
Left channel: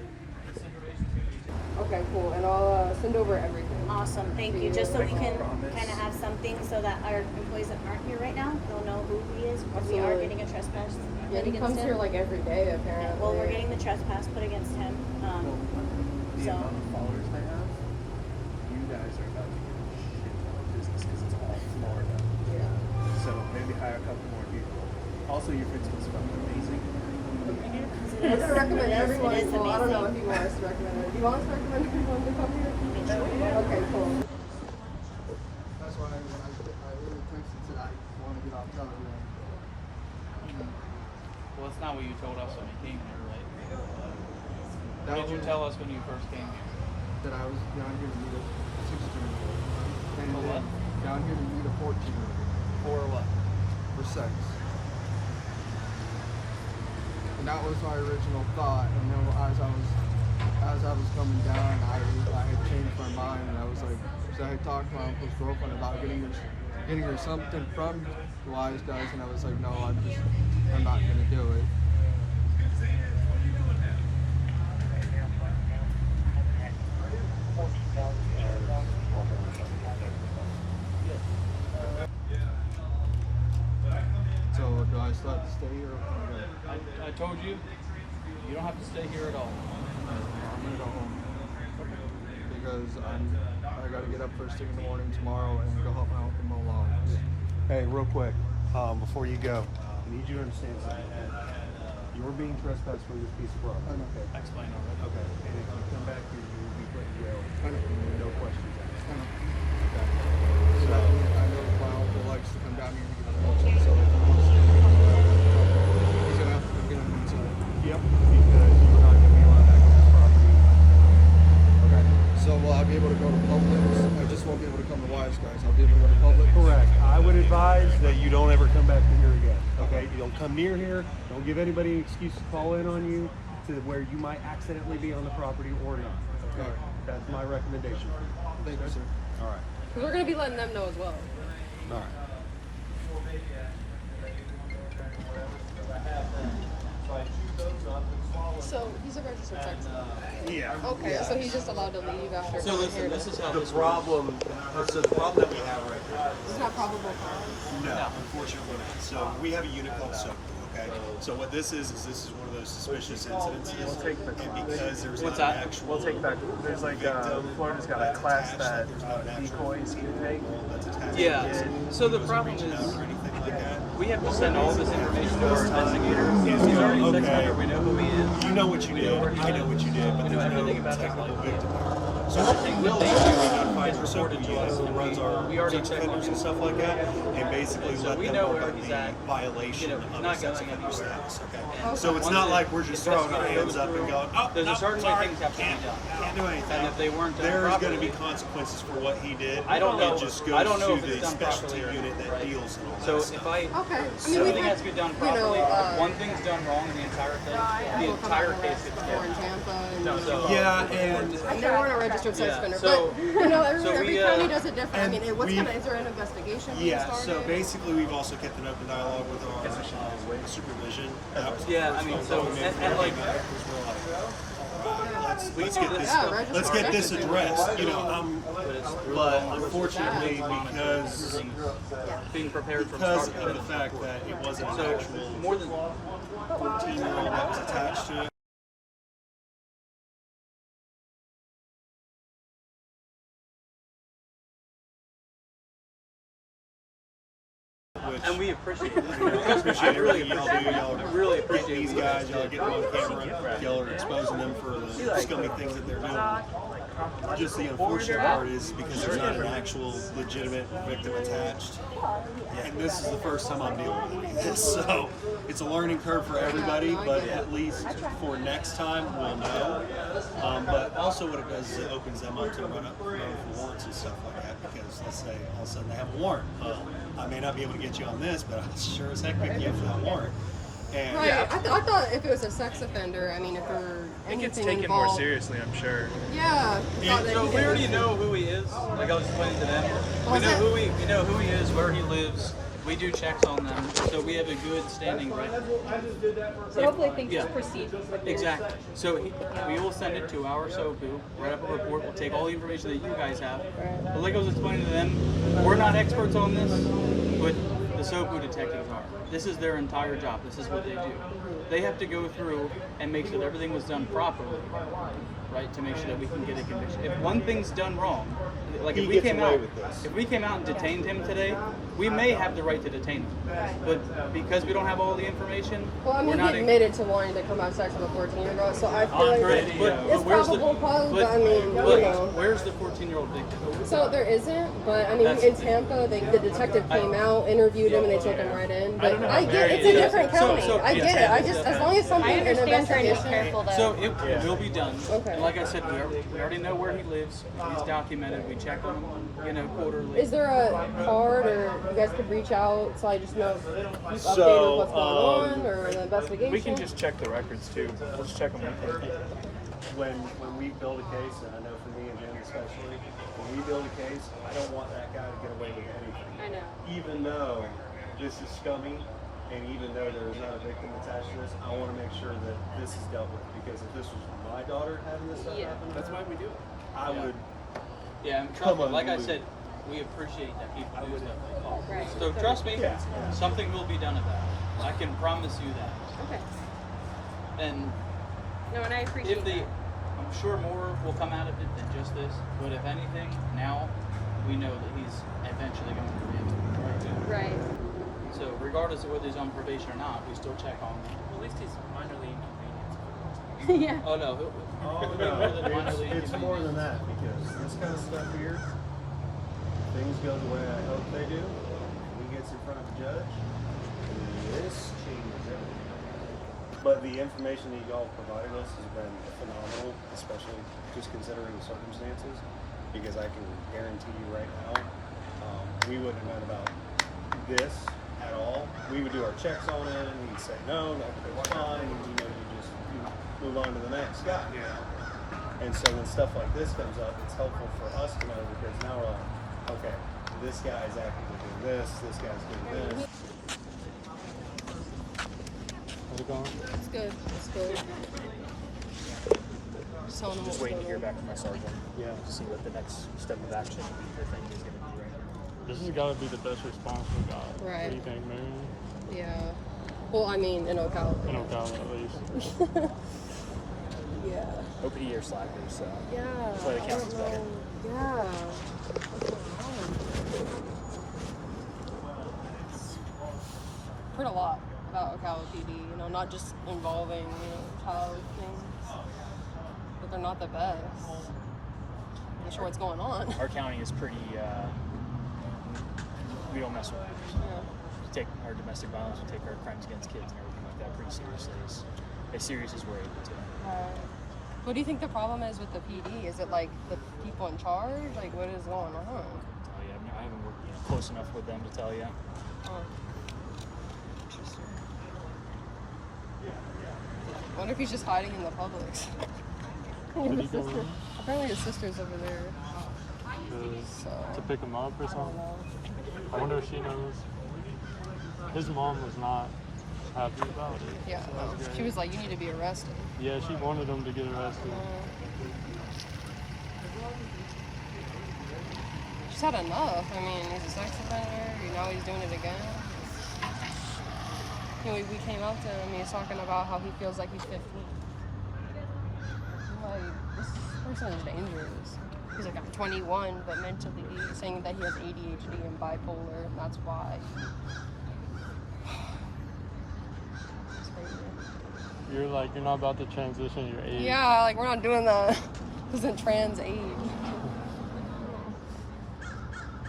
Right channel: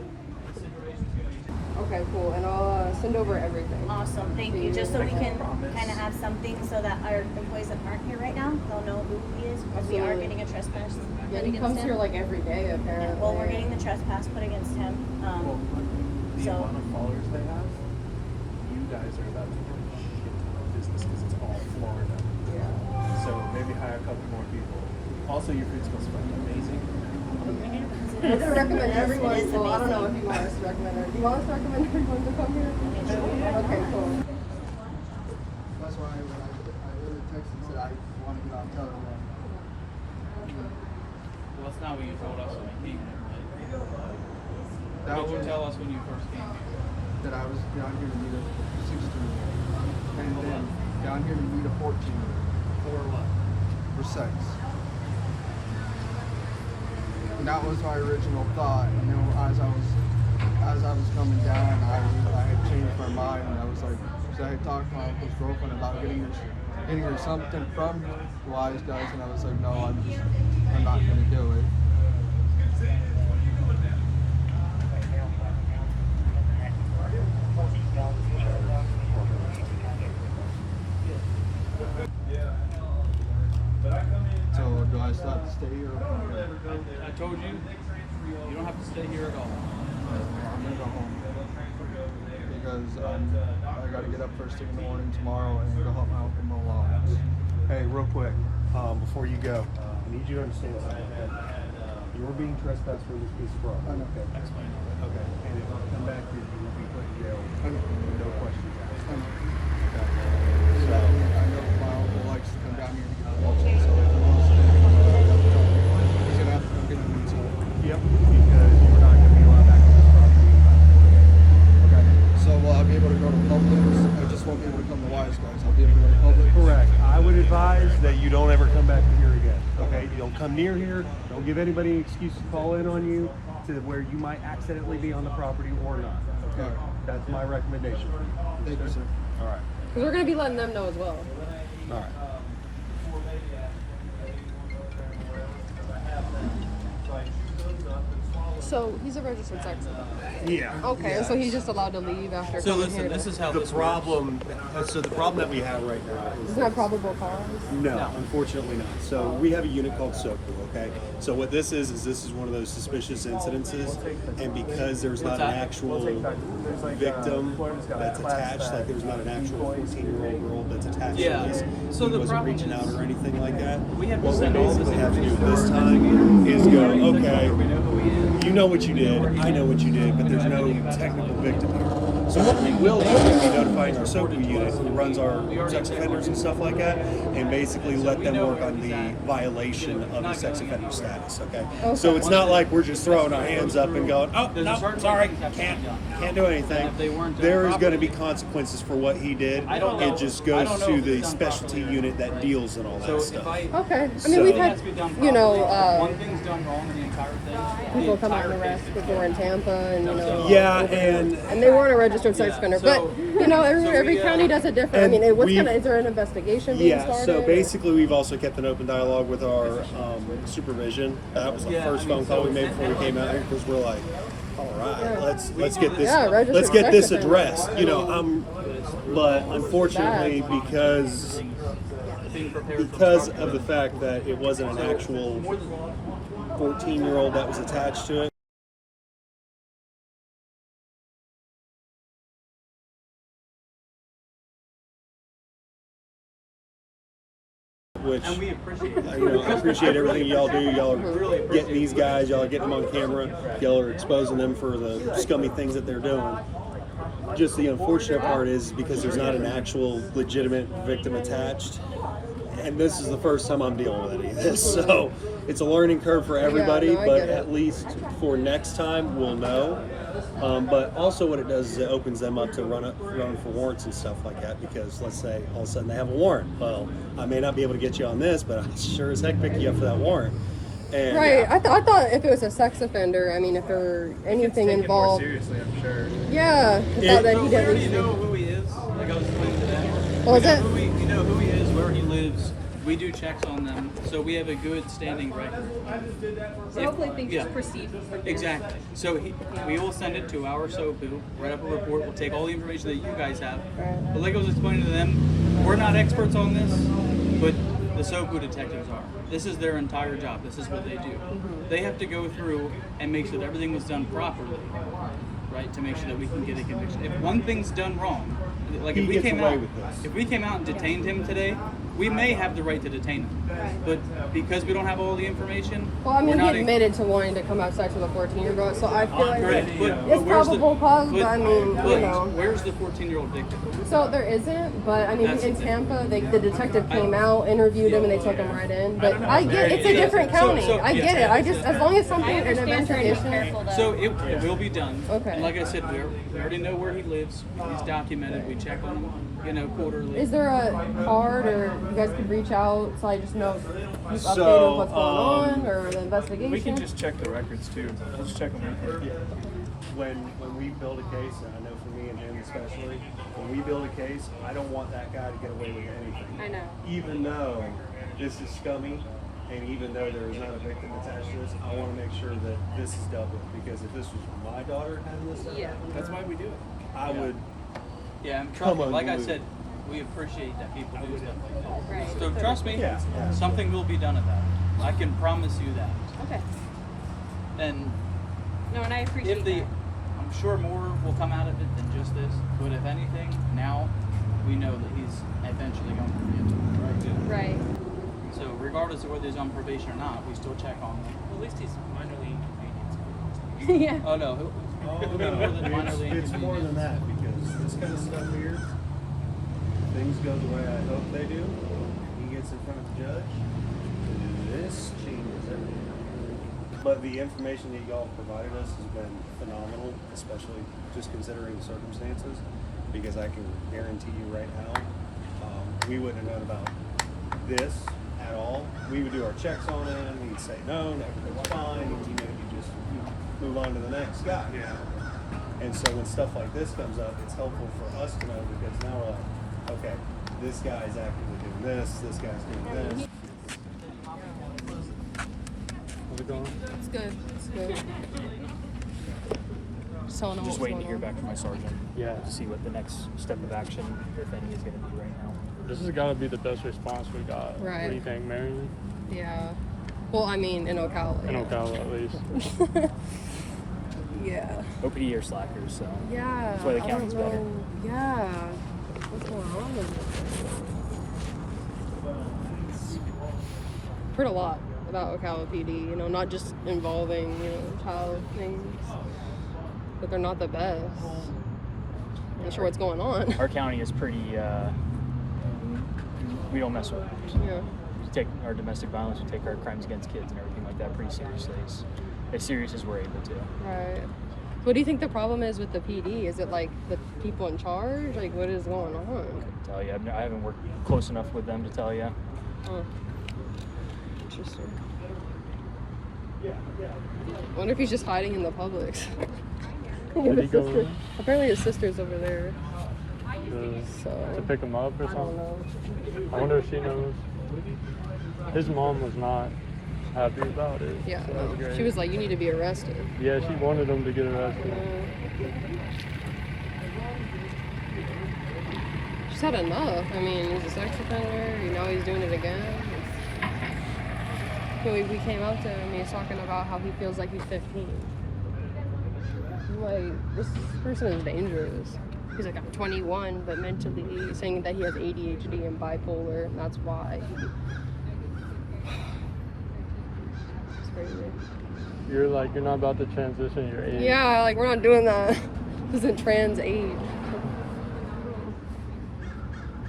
this information is going to be. Okay, cool. And I'll send over everything. Awesome, thank you. Just so we can kind of have something so that our employees that aren't here right now, they'll know who he is, because we are Absolutely. getting a trespass Yeah, put he against comes him. here like every day, apparently. Well, we're getting the trespass put against him. So, Followers they have, you guys are about to get business because it's all Florida. Yeah. So maybe hire a couple more people. Also, your food smells fucking amazing. We're gonna recommend everyone. Well, I don't know if you want us to recommend it. Do you want us to recommend everyone to come here? Okay, cool. That's why I really texted and said I want to get on television. Well, that's not what you told us when I came here, right? That What did you was tell us when you first came here? that I was down here to meet a 16-year-old, and then down here to meet a 14-year-old For what? for sex. And that was my original thought. And then as I was coming down, I had changed my mind, and I was like, so I had talked to my uncle's girlfriend about getting her something from Wise Guys, and I was like, no, I'm not gonna do it. So do I still have to stay here or can I go? I told you, you don't have to stay here at all. I'm gonna go home because I gotta get up first thing in the morning tomorrow and go help my uncle mow lawns. Hey, real quick, before you go, I need you to understand something, okay? You're being trespassed for this piece of property. I know. Okay. I explained all that. Okay. And if you come back here, you will be put in jail. I know. No questions asked. I know. Okay. So So, I know my uncle likes to come down here to get the mulch, so if he wants to he's gonna have to come get him himself. yep, because you are not going to be allowed back on this property. Okay. So will I be able to go to Publix? I just won't be able to come to Wise Guys. I'll be able to go to Publix. Correct. I would advise that you don't ever come back to here again. Okay? You don't come near here. Don't give anybody an excuse to call in on you to where you might accidentally be on the property or not. Okay? All right. That's my recommendation for you. Thank you, sir. All right. Because we're gonna be letting them know as well. All right. So he's a registered sex offender. Yeah. Okay, so he's just allowed to leave after. So listen, this is how The this works. problem, so the problem that we have right now is Isn't that probable cause? no, unfortunately not. So we have a unit called SOCU, okay? So what this is this is one of those suspicious incidences, and because there's not an actual victim that's attached, like there's not an actual 14-year-old girl that's attached Yeah. to this, So he the wasn't problem reaching is out or anything like that. we have to What we send all this basically have to do information this to time investigators. is go, We okay, know who he is. you know what you did, I know what you did, but there's no technical victim here. So what we will do is be notifying our SOCU unit who runs our sex offenders and stuff like that, and basically let them work on the violation of the sex offender status, okay? So it's not like we're just throwing our hands up and going, oh, no, sorry, can't do anything. There is going to be consequences for what he did. It just goes to the specialty unit that deals in all that stuff. Okay. I mean, we've had, you know, One thing's done wrong in the entire thing. people come out and arrest before in Tampa, and you know. Yeah, and And they weren't a registered registered sex offender. But you know, every county does it different. I mean, is there an investigation being started? So basically, we've also kept an open dialogue with our supervision. That was the first phone call we made before we came out here, because we're like, all right, let's get this addressed. You know, but unfortunately, because of the fact that it wasn't an actual 14-year-old that was attached to it. Which And we appreciate I appreciate everything y'all do. Y'all are getting these guys, y'all are getting them on camera, y'all are exposing them for the scummy things that they're doing. Just the unfortunate part is because there's not an actual legitimate victim attached, and this is the first time I'm dealing with any of this, so it's a learning curve for everybody, but at least for next time we'll know. But also what it does is it opens them up to run for warrants and stuff like that, because let's say all of a sudden they have a warrant. Well, I may not be able to get you on this, but I sure as heck pick you up for that warrant. And right. I thought if it was a sex offender, I mean, if there were anything involved. More seriously, I'm sure. Yeah. I thought that he we already know who he is. Like I was explaining to them. Well, We know who he is, where he lives. We do checks on them, so we have a good standing record. So hopefully things just proceed. Exactly. So we will send it to our SOPU, write up a report, we'll take all the information that you guys have. But like I was explaining to them, we're not experts on this, but the SOPU detectives are. This is their entire job. This is what they do. They have to go through and make sure that everything was done properly, right, to make sure that we can get a conviction. If one thing's done wrong, like if we came out and detained him today, we may have the right to detain him, but because we don't have all the information, well, I mean, we're not he admitted to wanting to come have sex with a 14-year-old, so I feel like it's where's probable cause. But I mean, you know, where's the 14-year-old victim? So there isn't, but I mean, in Tampa, the detective came out, interviewed him, and they took him right in. But I get it's a different county. I get it. I just, as long as something an investigation. So it will be done. Okay. And like I said, we already know where he lives. He's documented. We check on him, you know, quarterly. Is there a card, or you guys could reach out so I just know keep updated with what's going on, or the investigation? We can just check the records too. We'll just check them right. when we build a case, and I know for me and him especially, when we build a case, I don't want that guy to get away with anything. I know. Even though this is scummy, and even though there is not a victim attached to this, I want to make sure that this is dealt with, because if this was my daughter having this stuff happen, That's why we do it. I would come on. Like I said, we appreciate that people do stuff like call. Right. So trust me, something will be done about it. I can promise you that. Okay. And I appreciate that. I'm sure more will come out of it than just this, but if anything, now we know that he's eventually going to be right. So regardless of whether he's on probation or not, we still check on him. Well, at least he's minorly inconvenienced. Yeah. Oh no. It's more than that, because this kind of stuff here, if things go the way I hope they do, he gets in front of a judge, this changes everything. But the information that y'all provided us has been phenomenal, especially just considering circumstances, because I can guarantee you right now, we wouldn't have known about this at all. We would do our checks on it, and he'd say no, everything's fine, and you just move on to the next guy. Yeah. And so when stuff like this comes up, it's helpful for us to know, because now we're like, okay, this guy's actively doing this guy's doing this. How's it going? It's good. It's good. Just waiting to hear back from my sergeant. Yeah. To see what the next step of action the thing is going to be right now. This has got to be the best response we got. Right. What do you think, Marion? Yeah. Well, I mean, in Ocala. In Ocala, at least. Yeah. OPD are slackers, so. Yeah. That's why the county's better. Yeah. What's going on with this? Heard a lot about Ocala PD, you know, not just involving, you know, child things, but they're not the best. I'm not sure what's going on. Our county is pretty, we don't mess with it. Yeah. We take our domestic violence, we take our crimes against kids and everything like that pretty seriously. As serious as we're able to. Right. What do you think the problem is with the PD? Is it like the people in charge? Like, what is going on? I couldn't tell you. I haven't worked close enough with them to tell you. Oh. Interesting. I wonder if he's just hiding in the public. Did he go sister. in? Apparently his sister's over there. To pick him up or I don't something? know. I wonder if she knows. His mom was not happy about it. Yeah. So that's great. She was like, you need to be arrested. Yeah, she wanted him to get arrested. She's had enough. I mean, he's a sex offender. You know he's doing it again. So we came out to him. He's talking about how he feels like he's 15. I'm like, this person is dangerous. He's like, I'm 21, but mentally saying that he has ADHD and bipolar, and that's why. It's crazy. You're like, you're not about to transition your age. Yeah, like we're not doing that. This isn't trans age.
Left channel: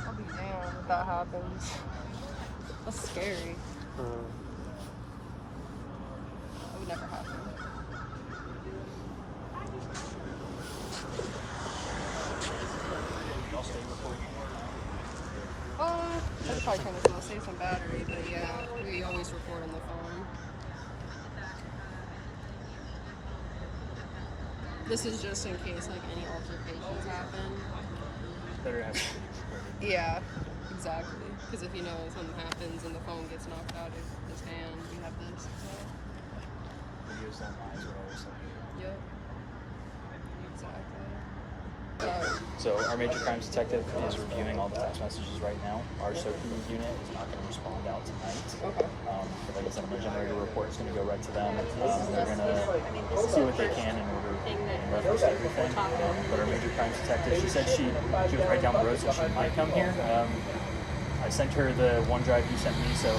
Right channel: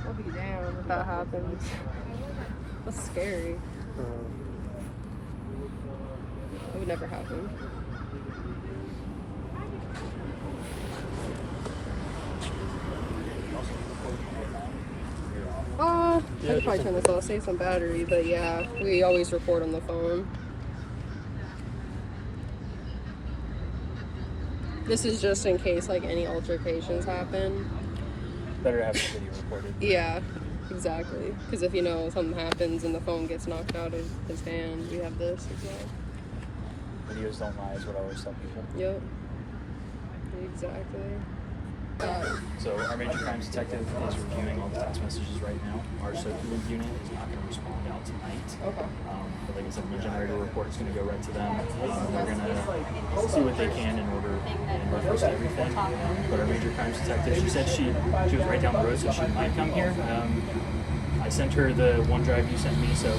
I'll be down if that happens. That's scary. That would never happen. I should probably turn this off, save some battery, but yeah, we always record on the phone. This is just in case like any altercations happen. Better to have the video recorded. Yeah, exactly. Because if you know something happens and the phone gets knocked out of his hand, we have this as well. Videos don't lie is what I always tell people. Yep. Exactly. So our major crimes detective is reviewing all the text messages right now. Our SOPs unit is not going to respond out tonight. Okay. But like I said, I'm going to generate a report. It's going to go right to them. They're going to see what they can in reference to everything. But our major crimes detective, she said she was right down the road, so she might come here. I sent her the OneDrive you sent me, so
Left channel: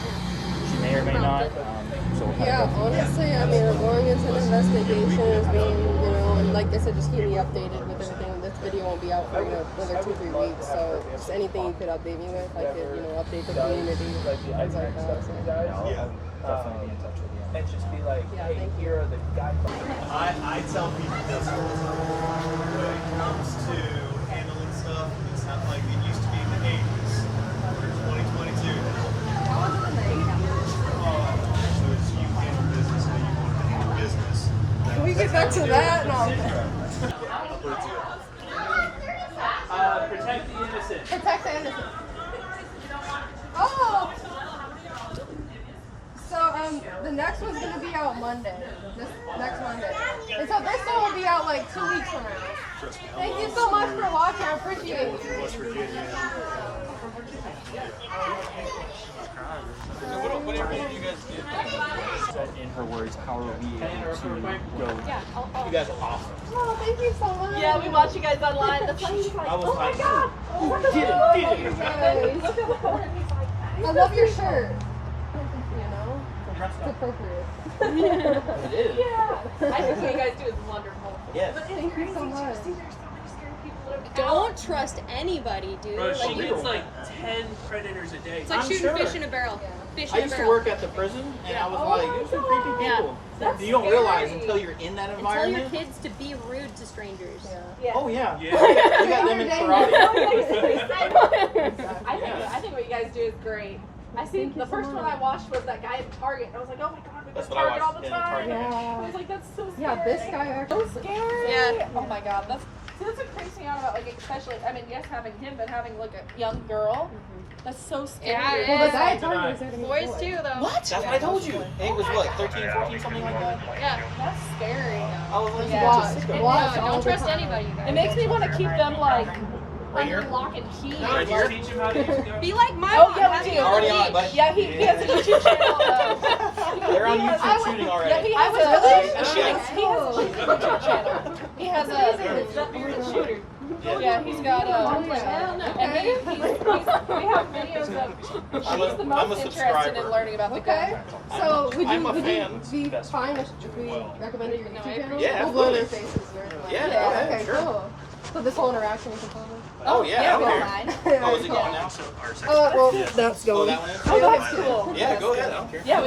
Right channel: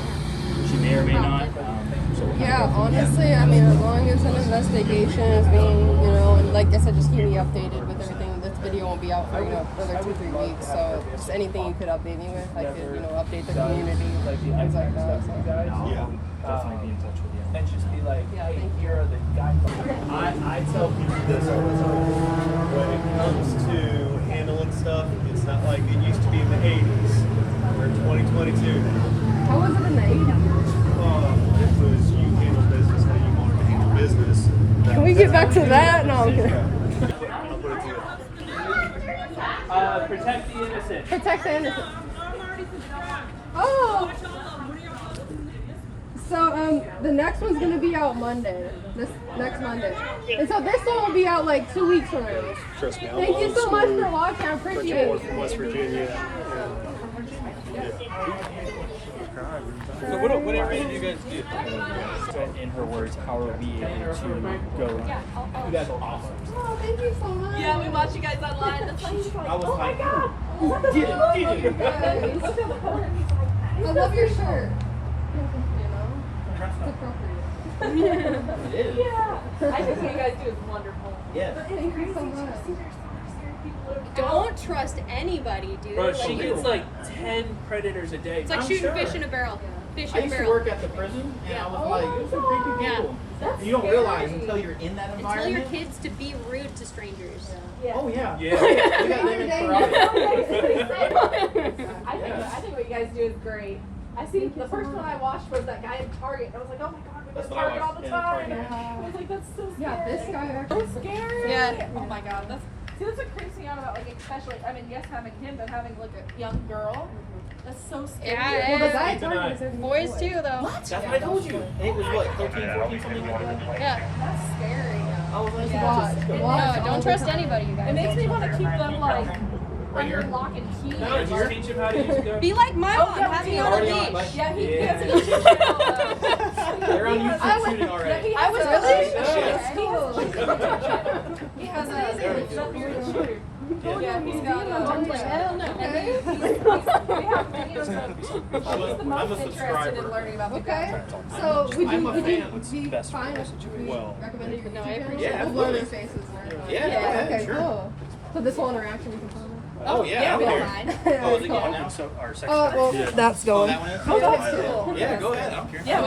she may or may not. So we'll kind of go from there. Honestly, I mean, as long as an investigation is being, and like I said, just keep me updated with everything. This video won't be out for, another 2-3 weeks, so just anything you could update me with, I could, update the community, things like that. So. I'll definitely be in touch with you. And let you know. Yeah, thank you. I tell people this all the time. When it comes to handling stuff, it's not like it used to be in the 80s. We're in 2022 now. How was it in the 80s? You handle business how you want to handle business. Can we get back to that? No. Protect the innocent. Protect the innocent. Oh! So, the next one's gonna be out Monday. This next Monday. And so this one will be out like 2 weeks from now. Trust me. Thank you so much for watching. I appreciate it. From West Virginia. So whatever you guys do. In her words, how are we able to go? You guys are awesome. Oh, thank you so much. Yeah, we watch you guys online. That's like, Oh my god! I love your shirt. It's appropriate. yeah. I think what you guys do is wonderful. Yes. Thank you so much. Don't trust anybody, dude. Bro, she Like, gets like 10 predators a day. it's like I'm shooting sure. fish in a barrel. Fish I in a used to barrel. work at the prison, and I was like, these are creepy people. Yeah. You don't realize until you're in that And tell environment. your kids to be rude to strangers. Oh yeah. Yeah. We got them in karate. I think what you guys do is great. I see the first one I watched was that guy at Target, and I was like, oh my god, we That's go to what I Target all watched the in time. Target. I was like, that's so scary. Yeah, this guy actually. So scary. Yeah. Oh my god, that's what creeps me out about especially yes having him, but having a young girl. That's so scary. Yeah, Well, the guy yeah. at Target was there to Boys too, though. What? That's what I told you. It was what, 13, 14, something like that? Yeah. That's scary though. I was like, Watch. Don't trust anybody, you guys. It makes me want to keep them Right under here? lock and key. Right here? Teach him how to use the Be like my Oh, mom. yeah, Have we me do. on Already the on, beach. but Yeah, he has a YouTube channel. they're on YouTube shooting already. I was Cool. He has a shooter. Yeah, he's got and we have videos of she's the most I'm a interested in subscriber. learning about the Okay. So would I'm you a would fan. you be fine if we recommended your YouTube channel? Yeah, We'll blur their absolutely. faces and everything. Yeah, go ahead, Okay, sure. cool. So this whole interaction we can follow. Oh yeah, I don't care. Oh, is it Cool. going now? So our sex Well, yeah. that's Oh, going. that one is? Oh, that's cool. Yeah, go ahead. I don't care. Yeah, I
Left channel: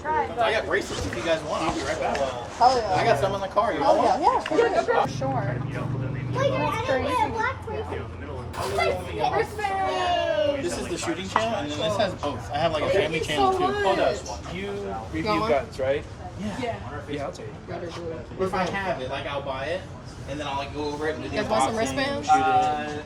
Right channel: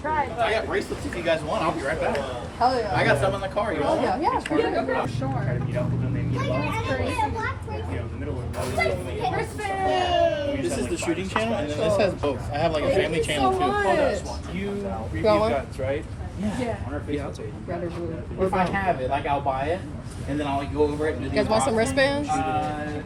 tried. I got bracelets if you guys want. I'll be right back. Oh, yeah. I got some in the car. You want one? Yeah, go girl. Sure. This is the shooting channel, and then this has both. I have like a family Thank you channel so too. much. You review Go on. guns, right? Yeah. On our Facebook page. Red or blue? If I have it, like I'll buy it, and then I'll like go over it and do You guys want some wristbands?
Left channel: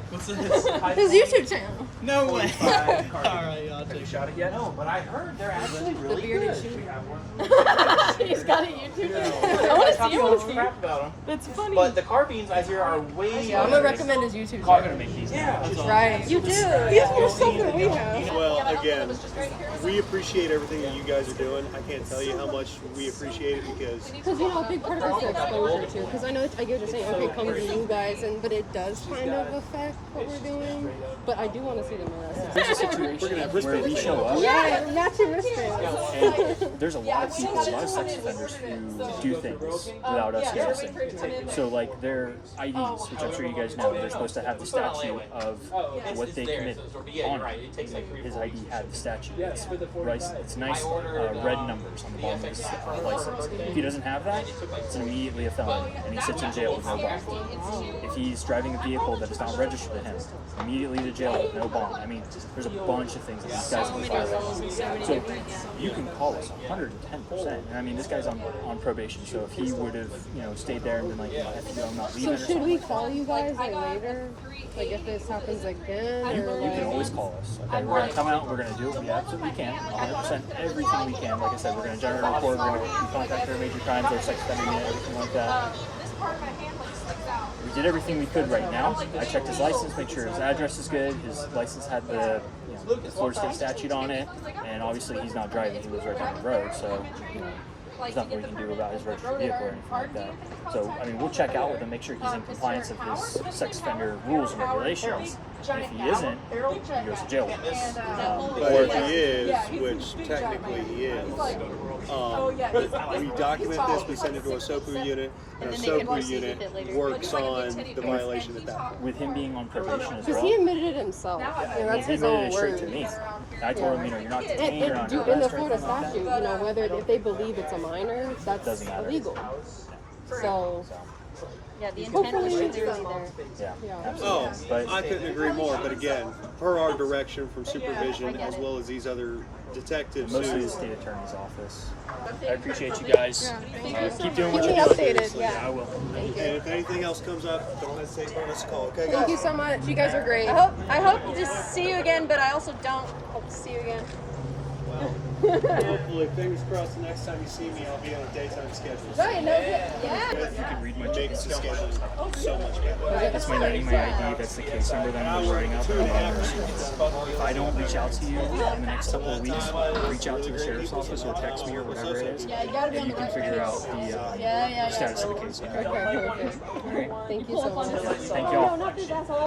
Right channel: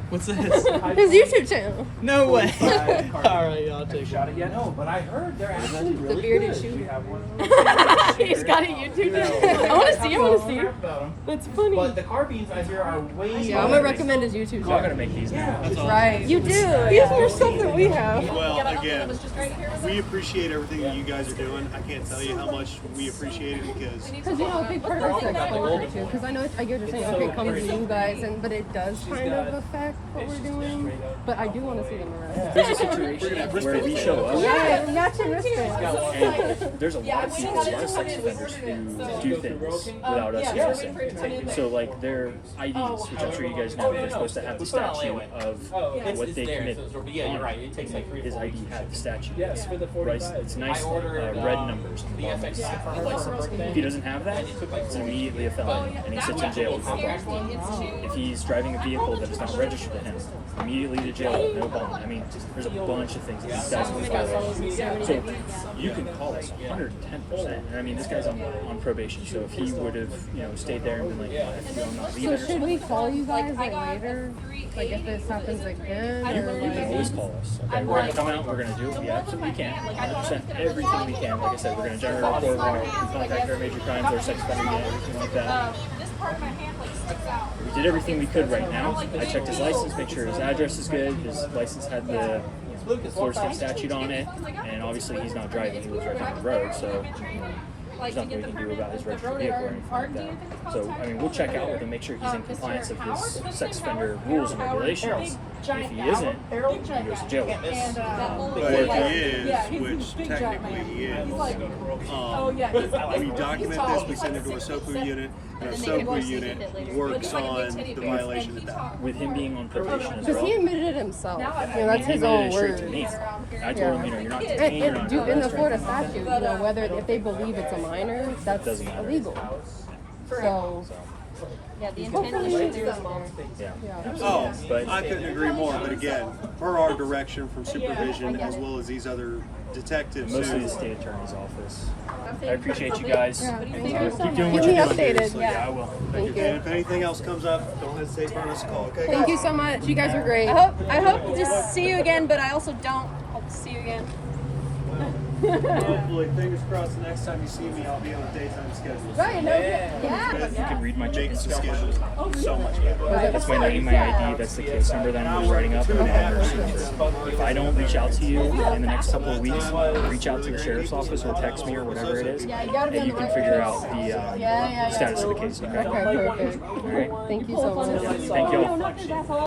What's this? His YouTube channel. No way. Alright, I'll take Shot it yet? No, but I heard they're actually The really bearded good. shooter. He's got a YouTube channel. I want to see. I want to see. That's funny. But the carbines I hear are way Yeah, I'm gonna recommend his YouTube I'm gonna channel. make these now. Right. You do. He has more stuff than we have. Well, again, we appreciate everything that you guys are doing. I can't tell you how much we appreciate it because Because you know, a big part of it's the exposure too. Because I know I get what you're saying. Okay, it comes to you guys, but it does kind of affect what we're doing. But I do want to see them arrested. There's a situation where we show up. Yeah, matching wristbands. And there's a lot of people, a lot of sex offenders who do things without us noticing. So like their IDs, which I'm sure you guys know, they're supposed to have the statute of what they committed on it. His ID had the statute. It's nice red numbers on the bottom of his license. If he doesn't have that, it's immediately a felony, and he sits in jail with no bond. If he's driving a vehicle that is not registered to him, immediately to jail with no bond. I mean, there's a bunch of things that these guys can violate. So you can call us 110%. I mean, this guy's on probation, so if he would have, stayed there and been like, I'm not leaving. So should we call you guys like later? Like if this happens again, or You like? can always call us. Okay, we're gonna come out. We're gonna do what we absolutely can, 100%, everything we can. Like I said, we're gonna generate a report. We're gonna contact our major crimes, our sex offender unit, everything like that. We did everything we could right now. I checked his license, make sure his address is good. His license had the Florida State statute on it, and obviously he's not driving. He lives right down the road, so there's nothing we can do about his registered vehicle or anything like that. So, I mean, we'll check out with him, make sure he's in compliance with his sex offender rules and regulations. If he isn't, he goes to jail with us. but if he is, which technically he is, we document this, we send it to our SOPU unit, and our SOPU unit works on the violation at that point. With him being on probation as Because well. he admitted it himself. That's he his admitted own it straight word. to me. I told him, you're not detained, you're not In the arrested or Florida anything like that. statute, whether if they believe it's a minor, that's Doesn't matter. illegal. So Yeah, the intent is clearly there. Yeah, Oh, absolutely. But I couldn't agree more, but again, per our direction from supervision as well as these other detectives mostly who the state attorney's office. I appreciate you guys. Yeah, thank you. Keep doing what Keep you're me doing. updated. Yeah, I will. Thank you. and if anything else comes up, don't hesitate to burn us a call, okay guys? Thank you so much. You guys are great. I hope to see you again, but I also don't hope to see you again. Well, hopefully, fingers crossed, the next time you see me, I'll be on a daytime schedule. You can read my Makes chicken the stuff. schedule so much better. That's my name, my ID, that's the case number that I'm writing up, and my emergency number. If I don't reach out to you in the next couple of weeks, reach out to the sheriff's office or text me or whatever it is, and you can figure out the status of the case, okay? Okay, perfect. All right? Thank you so much. Thank y'all.